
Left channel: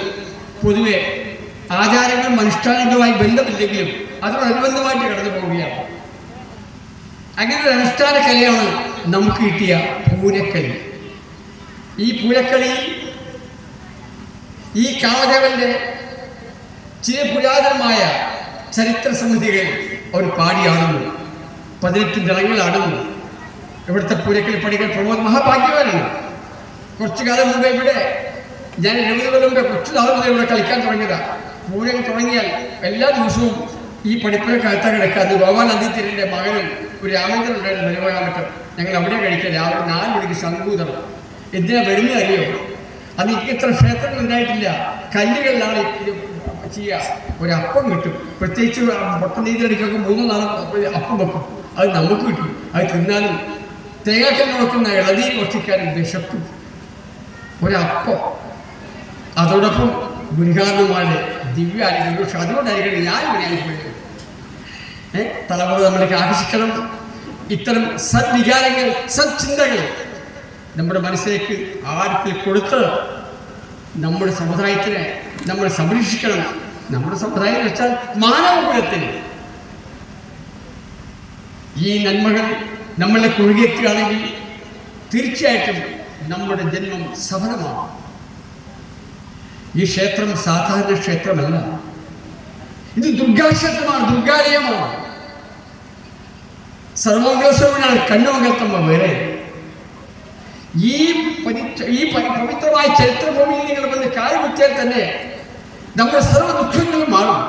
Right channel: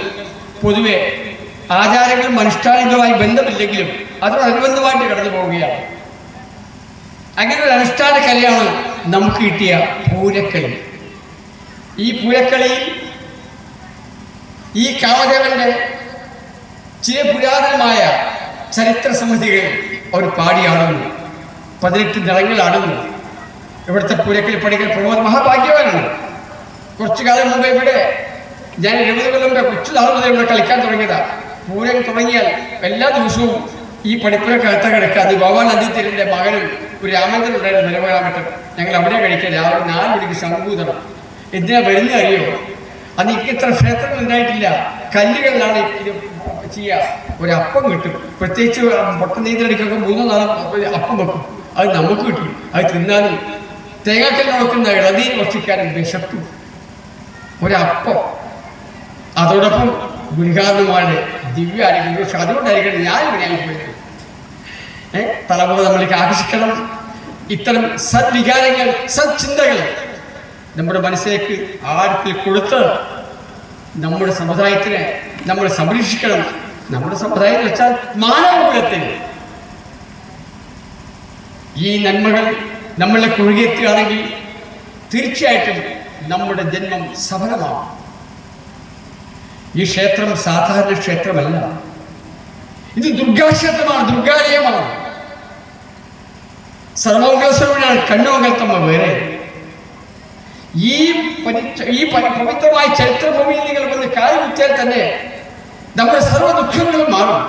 പൊതുവെ ആചാരങ്ങളും അനുഷ്ഠാനങ്ങളുമായി ബന്ധമില്ലെങ്കിലും അതിനോടനുബന്ധമായിട്ട് കടന്നു പോവുകയാണ്. അങ്ങനെ ഒരു അനുഷ്ഠാന കലയാണ് നമുക്ക് കിട്ടിയ പൂരക്കളി. ഈ പൂരക്കളിയിൽ ഈ കാളകവന്റെ ചില പുരാതനമായ ചരിത്ര സമിതികൾ അവർ പാടിയാടുന്നു. 18 ദളങ്ങളാടുന്നു. ഇവിടുത്തെ പൂരക്കളി പഠിക്കാൻ പ്രമോദ് മഹാഭാഗ്യവാനാണ്. കുറച്ചു കാലം മുമ്പ് ഇവിടെ ഞാൻ 70 കൊല്ലം മുമ്പ് കൊച്ചു നാൾ മുതൽ ഇവിടെ കളിക്കാൻ തുടങ്ങിയതാണ്. പൂരം തുടങ്ങിയാൽ എല്ലാ ദിവസവും ഈ പഠിപ്പുര കഴുത്ത കിടക്കുക. അത് ഭഗവാൻ അദ്വൈതന്റെ മകനും ഒരു രാമേന്ദ്രൻ ഉണ്ടായിരുന്നു നിലകൊള്ളാൻ പറ്റും. ഞങ്ങൾ അവിടെ കഴിക്കാൻ രാവിലെ 4 മണിക്ക് ശംഭൂതണം. എന്തിനാ വരുന്നത് അറിയോ? അന്ന് ഇത്ര ക്ഷേത്രങ്ങൾ ഉണ്ടായിട്ടില്ല. കല്ലുകളിലാണ് ഇത് ചെയ്യുക. ഒരപ്പം കിട്ടും. പ്രത്യേകിച്ച് പൊട്ട നീന്തടിക്കൊക്കെ 3-4 അപ്പം വെക്കും. അത് നമുക്ക് കിട്ടും. അത് തിന്നാനും തേങ്ങക്കൽ നോക്കുന്ന ഇളനീർ ഭക്ഷിക്കാനും വിശക്കും. ഒരപ്പം. അതോടൊപ്പം ഗുരുകാരന്മാരുടെ ദിവ്യായിരിക്കും. പക്ഷെ അതുകൊണ്ടായിരിക്കണം ഞാൻ ഇവിടെയാണ് പോയത്. തലമുറ നമ്മൾക്ക് ആകർഷിക്കണം. ഇത്തരം സദ്വികാരങ്ങൾ, സദ്ചിന്തകൾ നമ്മുടെ മനസ്സിലേക്ക് ആർക്ക് കൊടുത്ത് നമ്മുടെ സമുദായത്തിനെ നമ്മൾ സംരക്ഷിക്കണം. നമ്മുടെ സമുദായം വെച്ചാൽ മാനവകുലത്തിന് ഈ നന്മകൾ നമ്മളെ ഒഴുകിയെത്തുകയാണെങ്കിൽ തീർച്ചയായിട്ടും നമ്മുടെ ജന്മം സഫലമാണ്. ഈ ക്ഷേത്രം സാധാരണ ക്ഷേത്രമല്ല. ഇത് ദുർഗാക്ഷേത്രമാണ്, ദുർഗാലയമാണ്. സർവമംഗലസ്വരൂപിയാണ് കണ്ണമംഗലത്തമ്മ വേറെ. ഈ പവിത്രമായ ചരിത്രഭൂമിയിൽ നിങ്ങൾ വന്ന് കാല് കുത്തിയാൽ തന്നെ നമ്മുടെ സർവ്വ ദുഃഖങ്ങളും മാറും.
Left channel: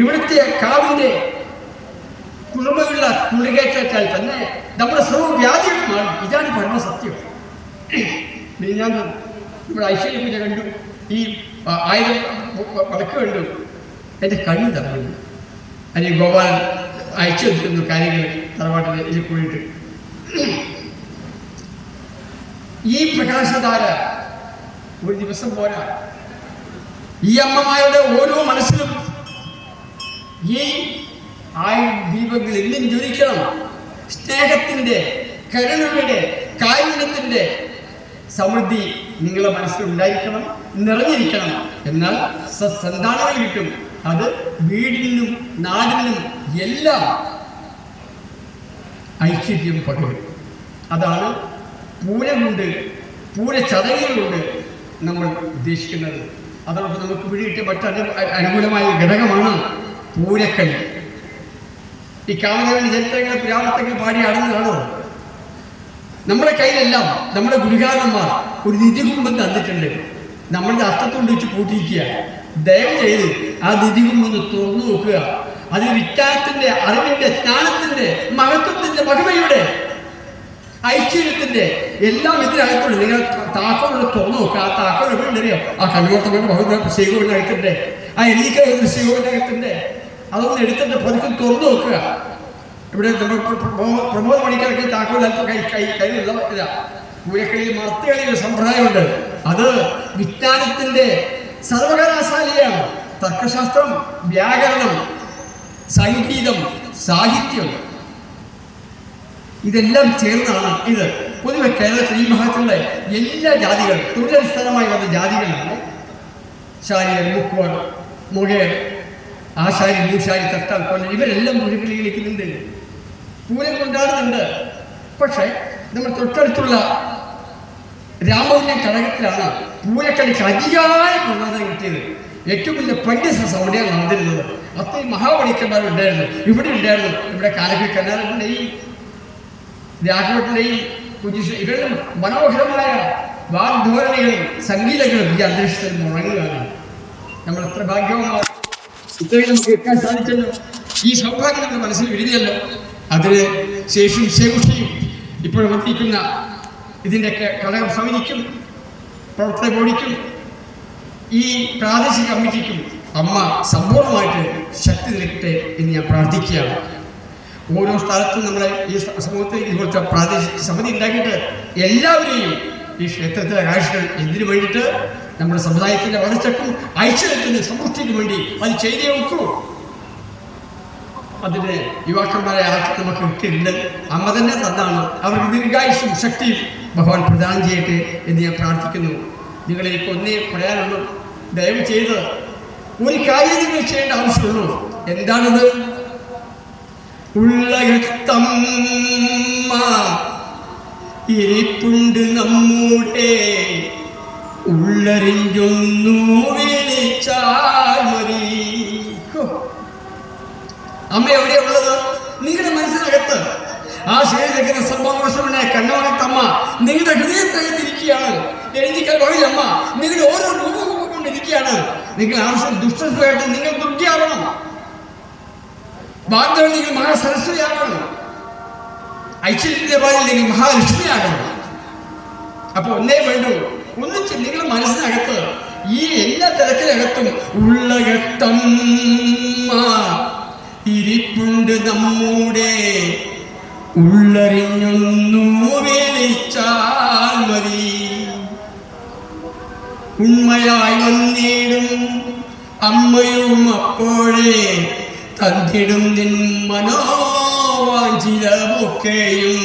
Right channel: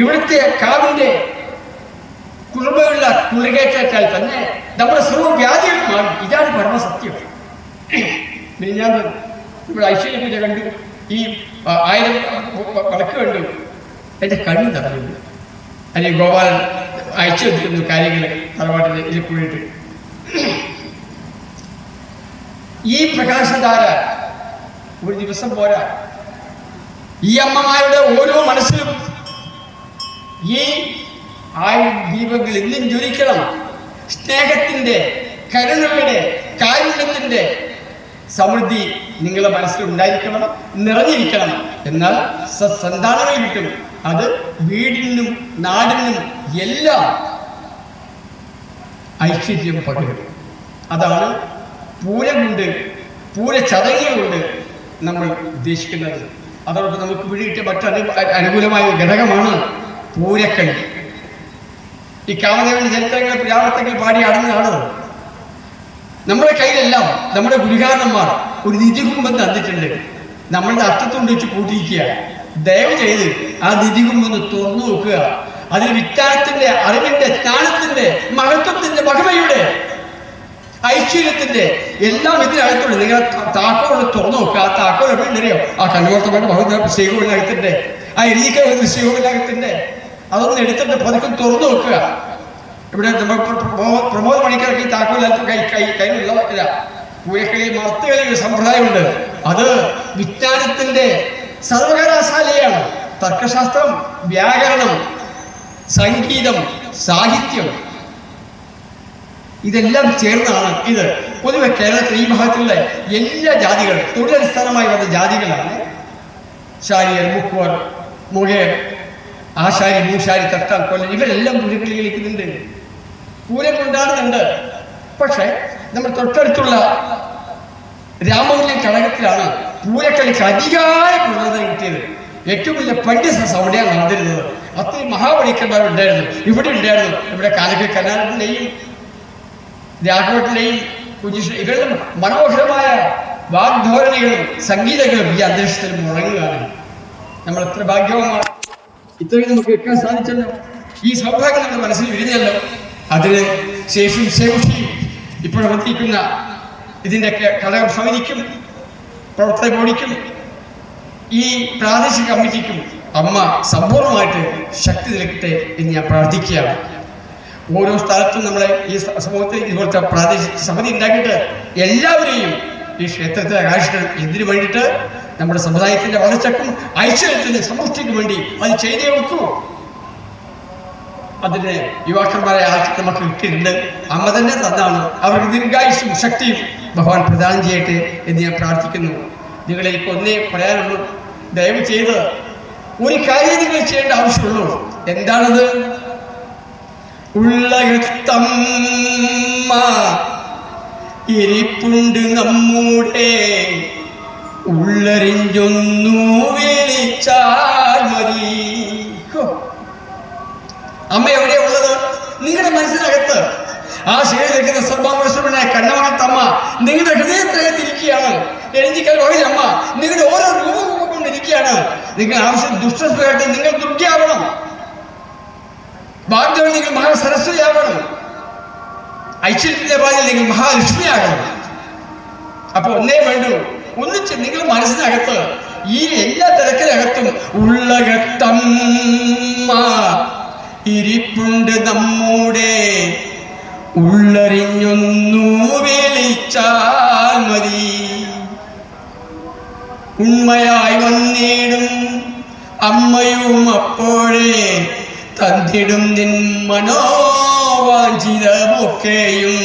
ഇവിടുത്തെ കാവിന്റെ കുളിർമയുള്ള കുളികേറ്റാൽ തന്നെ നമ്മുടെ സർവ്വ വ്യാധികളും മാറും. ഇതാണ് പരമസത്യം. ഞാൻ ഇവിടെ ഐശ്വര്യ കണ്ടു. ഈ 1000 വിളക്ക് കണ്ടു. എൻ്റെ കണ്ണു തറഞ്ഞു. അല്ലെങ്കിൽ ഗോപാലൻ അയച്ചു വെച്ചിരുന്നു കാര്യങ്ങൾ തറവാട്ടിൽ ഇതിൽ പോയിട്ട്. ഈ പ്രകാശധാര ഒരു ദിവസം പോരാ. ഈ അമ്മമാരുടെ ഓരോ മനസ്സിലും ഈ 1000 ദീപങ്ങൾ എന്നും ജ്വലിക്കണം. സ്നേഹത്തിന്റെ, കരുണയുടെ, കാരുണ്യത്തിന്റെ സമൃദ്ധി നിങ്ങളുടെ മനസ്സിൽ ഉണ്ടായിരിക്കണം, നിറഞ്ഞിരിക്കണം. എന്നാൽ സന്താനമായി കിട്ടും. അത് വീടിനും നാടിനും എല്ലാം ഐശ്വര്യം പകരും. അതാണ് പൂരം കൊണ്ട്, പൂരചടങ്ങുകൾ കൊണ്ട് നമ്മൾ ഉദ്ദേശിക്കുന്നത്. അതോടൊപ്പം നമുക്ക് പിടികിട്ടിയ മറ്റൊരു അനുകൂലമായ ഘടകമാണ് പൂരക്കളി. ഈ കാമദേവന്റെ ചരിത്രങ്ങൾ പുരാണത്തിൽ പാടി അടങ്ങുകയാണ്. നമ്മുടെ കയ്യിലെല്ലാം നമ്മുടെ ഗുരുകാരന്മാർ ഒരു നിധികുംഭം തന്നിട്ടുണ്ട്. നമ്മളുടെ അർത്ഥത്തും വെച്ച് കൂട്ടിയിരിക്കുക. ദയവ് ചെയ്ത് ആ നിധികുംഭം തുറന്നു നോക്കുക. അതിൽ വിജ്ഞാനത്തിന്റെ, അറിവിന്റെ, ജ്ഞാനത്തിന്റെ, മഹത്വത്തിന്റെ, മഹിമയുടെ, ഐശ്വര്യത്തിന്റെ എല്ലാം ഇതിനകത്തുണ്ട്. നിങ്ങൾ താക്കോൽ തുറന്നു നോക്കുക. ആ താക്കോൽ എവിടെയോ ആ കണ്ണോട്ടം ശ്രീകോവിനകത്തിന്റെ, ആ എലീക്ക ശ്രീകോവിനകത്തിന്റെ അതൊന്ന് എടുത്തിട്ട് പതുക്കെ തുറന്നു നോക്കുക. ഇവിടെ പ്രമോദ മണിക്കാർക്ക് താക്കോലത്ത് കയ്യിലുള്ള പൂരക്കളി മർത്തുകളി സമ്പ്രദായമുണ്ട്. അത് വിജ്ഞാനത്തിന്റെ സർവകലാശാലയാണ്. തർക്കശാസ്ത്രം, വ്യാകരണം, സംഗീതം, സാഹിത്യം ഇതെല്ലാം ചേർന്നാണ് ഇത്. പൊതുവെ കേരളത്തിൽ ഈ ഭാഗത്തുള്ള എല്ലാ ജാതികളും തൊഴിലടിസ്ഥാനമായി വന്ന ജാതികളാണ്. ശാരിയർ, മുക്കുവർ, മുഖേർ, ആശാരി, മൂശാരി, തട്ടാൻ, കൊല്ലൻ ഇവരെല്ലാം പൂരക്കളി കളിക്കുന്നുണ്ട്, പൂരം കൊണ്ടാടുന്നുണ്ട്. പക്ഷെ നമ്മൾ തൊട്ടടുത്തുള്ള രാമപുരം ഘടകത്തിലാണ് പൂരക്കളിക്ക് അധികമായ പ്രചോദനം കിട്ടിയത്. ഏറ്റവും വലിയ പണ്ഡിത അവിടെയാണ് നടന്നിരുന്നത്. അത്രയും മഹാപണിക്കന്മാർ ഉണ്ടായിരുന്നു, ഇവിടെ ഉണ്ടായിരുന്നു. ഇവിടെ കാലക്കൽ കർണാടകത്തിൻ്റെയും രാഘവത്തിൻ്റെയും ഇവരുടെ മനോഹരമായ വാഗ്ധോരണികളും സംഗീതങ്ങളും ഈ അന്തരീക്ഷത്തിൽ മുഴങ്ങുകയാണ്. നമ്മൾ എത്ര ഭാഗ്യവാന്മാർ, ഇത്രയും നമുക്ക് കേൾക്കാൻ സാധിച്ചല്ലോ. ഈ സൗഭാഗ്യം നമ്മുടെ മനസ്സിൽ വരുന്നല്ലോ. അതിന് ശേഷിയും ശേഷിയും ഇപ്പോൾ വന്നിരിക്കുന്ന ഇതിൻ്റെയൊക്കെ ഘടകം സമിതിക്കും പ്രവർത്തന ബോഡിക്കും ഈ പ്രാദേശിക കമ്മിറ്റിക്കും അമ്മ സമ്പൂർണ്ണമായിട്ട് ശക്തി നൽകട്ടെ എന്ന് ഞാൻ പ്രാർത്ഥിക്കുകയാണ്. ഓരോ സ്ഥലത്തും നമ്മളെ ഈ സമൂഹത്തിൽ ഇതുപോലത്തെ പ്രാദേശിക സമിതി ഉണ്ടാക്കിയിട്ട് എല്ലാവരെയും ഈ ക്ഷേത്രത്തെ ആകർഷിക്കാൻ എന്തിനു വേണ്ടിയിട്ട് നമ്മുടെ സമുദായത്തിന്റെ വളർച്ചക്കും ഐശ്വര്യത്തിന് സമൃദ്ധിക്കും വേണ്ടി അത് ചെയ്തേ വെക്കൂ. അതിന് യുവാക്കന്മാരെ ആൾക്ക് നമുക്ക് കിട്ടിയിട്ടുണ്ട്. അമ്മ തന്നെ തന്നാണ്. അവർക്ക് ദീർഘായുസ്സും ശക്തിയും ഭഗവാൻ പ്രദാനം ചെയ്യട്ടെ എന്ന് ഞാൻ പ്രാർത്ഥിക്കുന്നു. നിങ്ങളെ എനിക്ക് ഒന്നേ പറയാനുള്ളൂ, ദയവ് ചെയ്ത് ഒരു കാര്യം നിങ്ങൾ ചെയ്യേണ്ട ആവശ്യമുള്ളൂ. എന്താണത്? ഉള്ളകത്തമ്മ ഇരിപ്പുണ്ട് നമ്മുടെ, ഉള്ളറിഞ്ഞൊന്നു വിളിച്ചാൽ മതി. അമ്മ എവിടെയാ ഉള്ളത്? നിങ്ങളുടെ മനസ്സിനകത്ത്. ആ ശരീരത്തിരിക്കുന്ന സർവമോഷനായ കണ്ണവനത്തമ്മ നിങ്ങളുടെ ഹൃദയത്തിനകത്തിരിക്കുകയാണ്. എഴുതിക്കാൻ അമ്മ നിങ്ങളുടെ ഓരോ രൂപവും കൊണ്ടിരിക്കുകയാണ്. നിങ്ങൾ ആവശ്യം ദുഷ്ടമായിട്ട് നിങ്ങൾ ദുർഗയാവണം, ഭാഗ്യം നിങ്ങൾ മഹാസരസ്വതിയാവണം, ഐശ്വര്യത്തിന്റെ പാലിൽ നിങ്ങൾ മഹാലക്ഷ്മിയാകണം. അപ്പൊ ഒന്നേ വേണ്ടു, ഒന്നിച്ച് നിങ്ങളുടെ മനസ്സിനകത്ത് ഈ എല്ലാ തിരക്കിനകത്തും ഉള്ളകത്തമ്മ ഇരിപ്പുണ്ട് നമ്മുടെ, ഉള്ളറിഞ്ഞൊന്നു വിളിച്ചാൽ മതി. ഉണ്മയായി വന്നിടും അമ്മയും അപ്പോഴേ തന്നിടും നിൻ മനോവാഞ്ചിതമൊക്കെയും.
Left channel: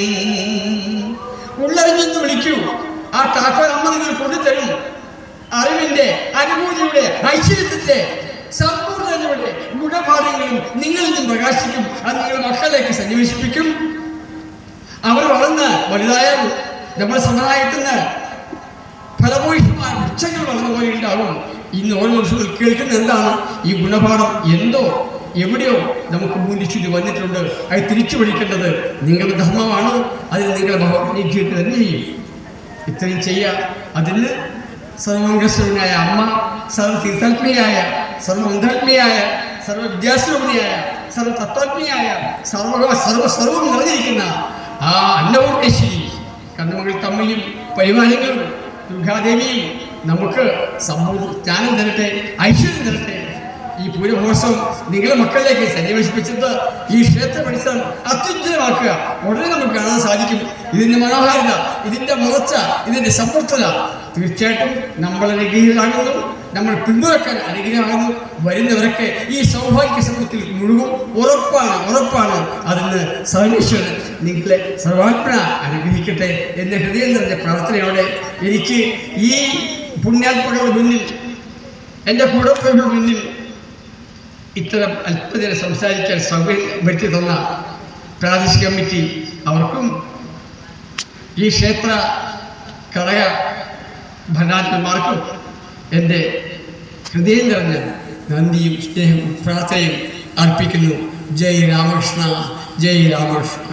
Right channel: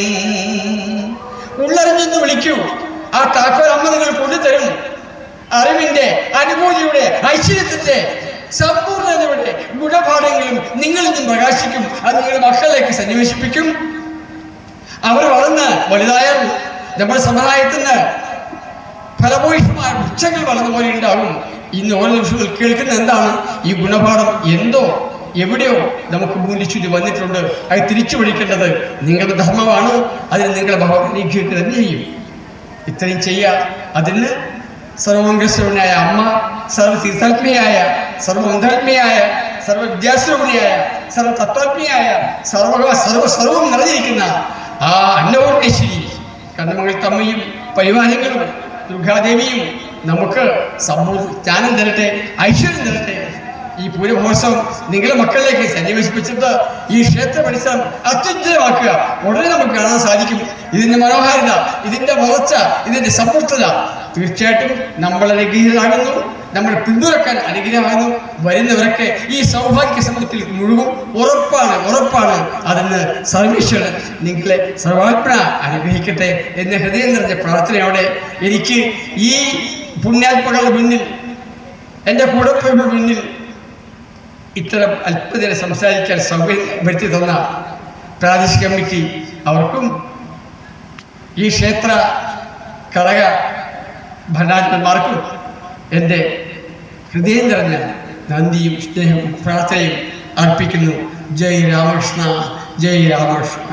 ഉള്ളറിഞ്ഞെന്ന് വിളിക്കൂ. ആ താക്കോൽ അമ്മ നിങ്ങൾ കൊണ്ടുതരും. അറിവിന്റെ, അനുഭൂതിയുടെ, ഐശ്വര്യത്തിന്റെ, സമ്പൂർണ്ണതയുടെ ഗുണപാഠങ്ങളും നിങ്ങളിൽ നിന്നും പ്രകാശിക്കും. അത് നിങ്ങളുടെ മക്കളേക്ക് സന്നിവേശിപ്പിക്കും. അവർ വളർന്ന് വലുതായാൽ നമ്മുടെ സമുദായത്തിന് ഫലഭൂയിഷ്ടമായ വൃക്ഷങ്ങൾ വളർന്നു പോലെ ഉണ്ടാവും. ഇന്ന് ഓരോ ദിവസവും കേൾക്കുന്ന എന്താണ്? ഈ ഗുണപാഠം എന്തോ എവിടെയോ നമുക്ക് മൂല്യച്യുതി വന്നിട്ടുണ്ട്. അത് തിരിച്ചു പിടിക്കേണ്ടത് നിങ്ങളുടെ ധർമ്മമാണ്. അതിന് നിങ്ങളുടെ ഭഗവാൻ അനുഗ്രഹിക്കുക തന്നെ ചെയ്യും. ഇത്രയും ചെയ്യാൻ അതിന് സർവമംഗളസ്വരൂപനായ അമ്മ, സർവതീർത്ഥാത്മയായ, സർവമന്ത്രാത്മയായ, സർവവിദ്യാസ്വരൂപിണിയായ, സർവതത്വാത്മയായ, സർവവും നിറഞ്ഞിരിക്കുന്ന ആ അന്നപൂർണേശ്വരി കണ്ണമംഗലത്തമ്മയും പരിവാരങ്ങളും ദുർഗാദേവിയും നമുക്ക് ജ്ഞാനം തരട്ടെ, ഐശ്വര്യം തരട്ടെ. ഈ പൂരമഹോത്സവം നിങ്ങളുടെ മക്കളിലേക്ക് സന്നിവേശിപ്പിച്ചിട്ട് ഈ ക്ഷേത്ര പരിസരം അത്യുജ്വലമാക്കുക. ഉടനെ നമുക്ക് കാണാൻ സാധിക്കും ഇതിന്റെ മനോഹാരിത, ഇതിന്റെ വളർച്ച, ഇതിന്റെ സമൃദ്ധത. തീർച്ചയായിട്ടും നമ്മൾ അനുഗ്രഹീതരാകുന്നു, നമ്മൾ പിന്തുണക്കാൻ അനുഗ്രഹമാകുന്നു. വരുന്നവരൊക്കെ ഈ സൗഭാഗ്യ സമൂഹത്തിൽ മുഴുവൻ ഉറപ്പാണ്. അതിന് സർവേശ്വരൻ നിങ്ങളെ സർവാത്മന അനുഗ്രഹിക്കട്ടെ എന്ന ഹൃദയം നിറഞ്ഞ പ്രാർത്ഥനയോടെ എനിക്ക് ഈ പുണ്യാത്മകളുടെ മുന്നിൽ, എൻ്റെ കൂടപ്പുറങ്ങളുടെ മുന്നിൽ ഇത്തരം അല്പനേരം സംസാരിക്കാൻ സൗകര്യം വരുത്തി തന്ന പ്രാദേശിക കമ്മിറ്റി അവർക്കും ഈ ക്ഷേത്ര ഘടക ഭരണാധിപന്മാർക്കും എൻ്റെ ഹൃദയം നിറഞ്ഞ നന്ദിയും സ്നേഹവും പ്രാർത്ഥനയും അർപ്പിക്കുന്നു. ജയ് രാമകൃഷ്ണ, ജയ് രാമകൃഷ്ണ.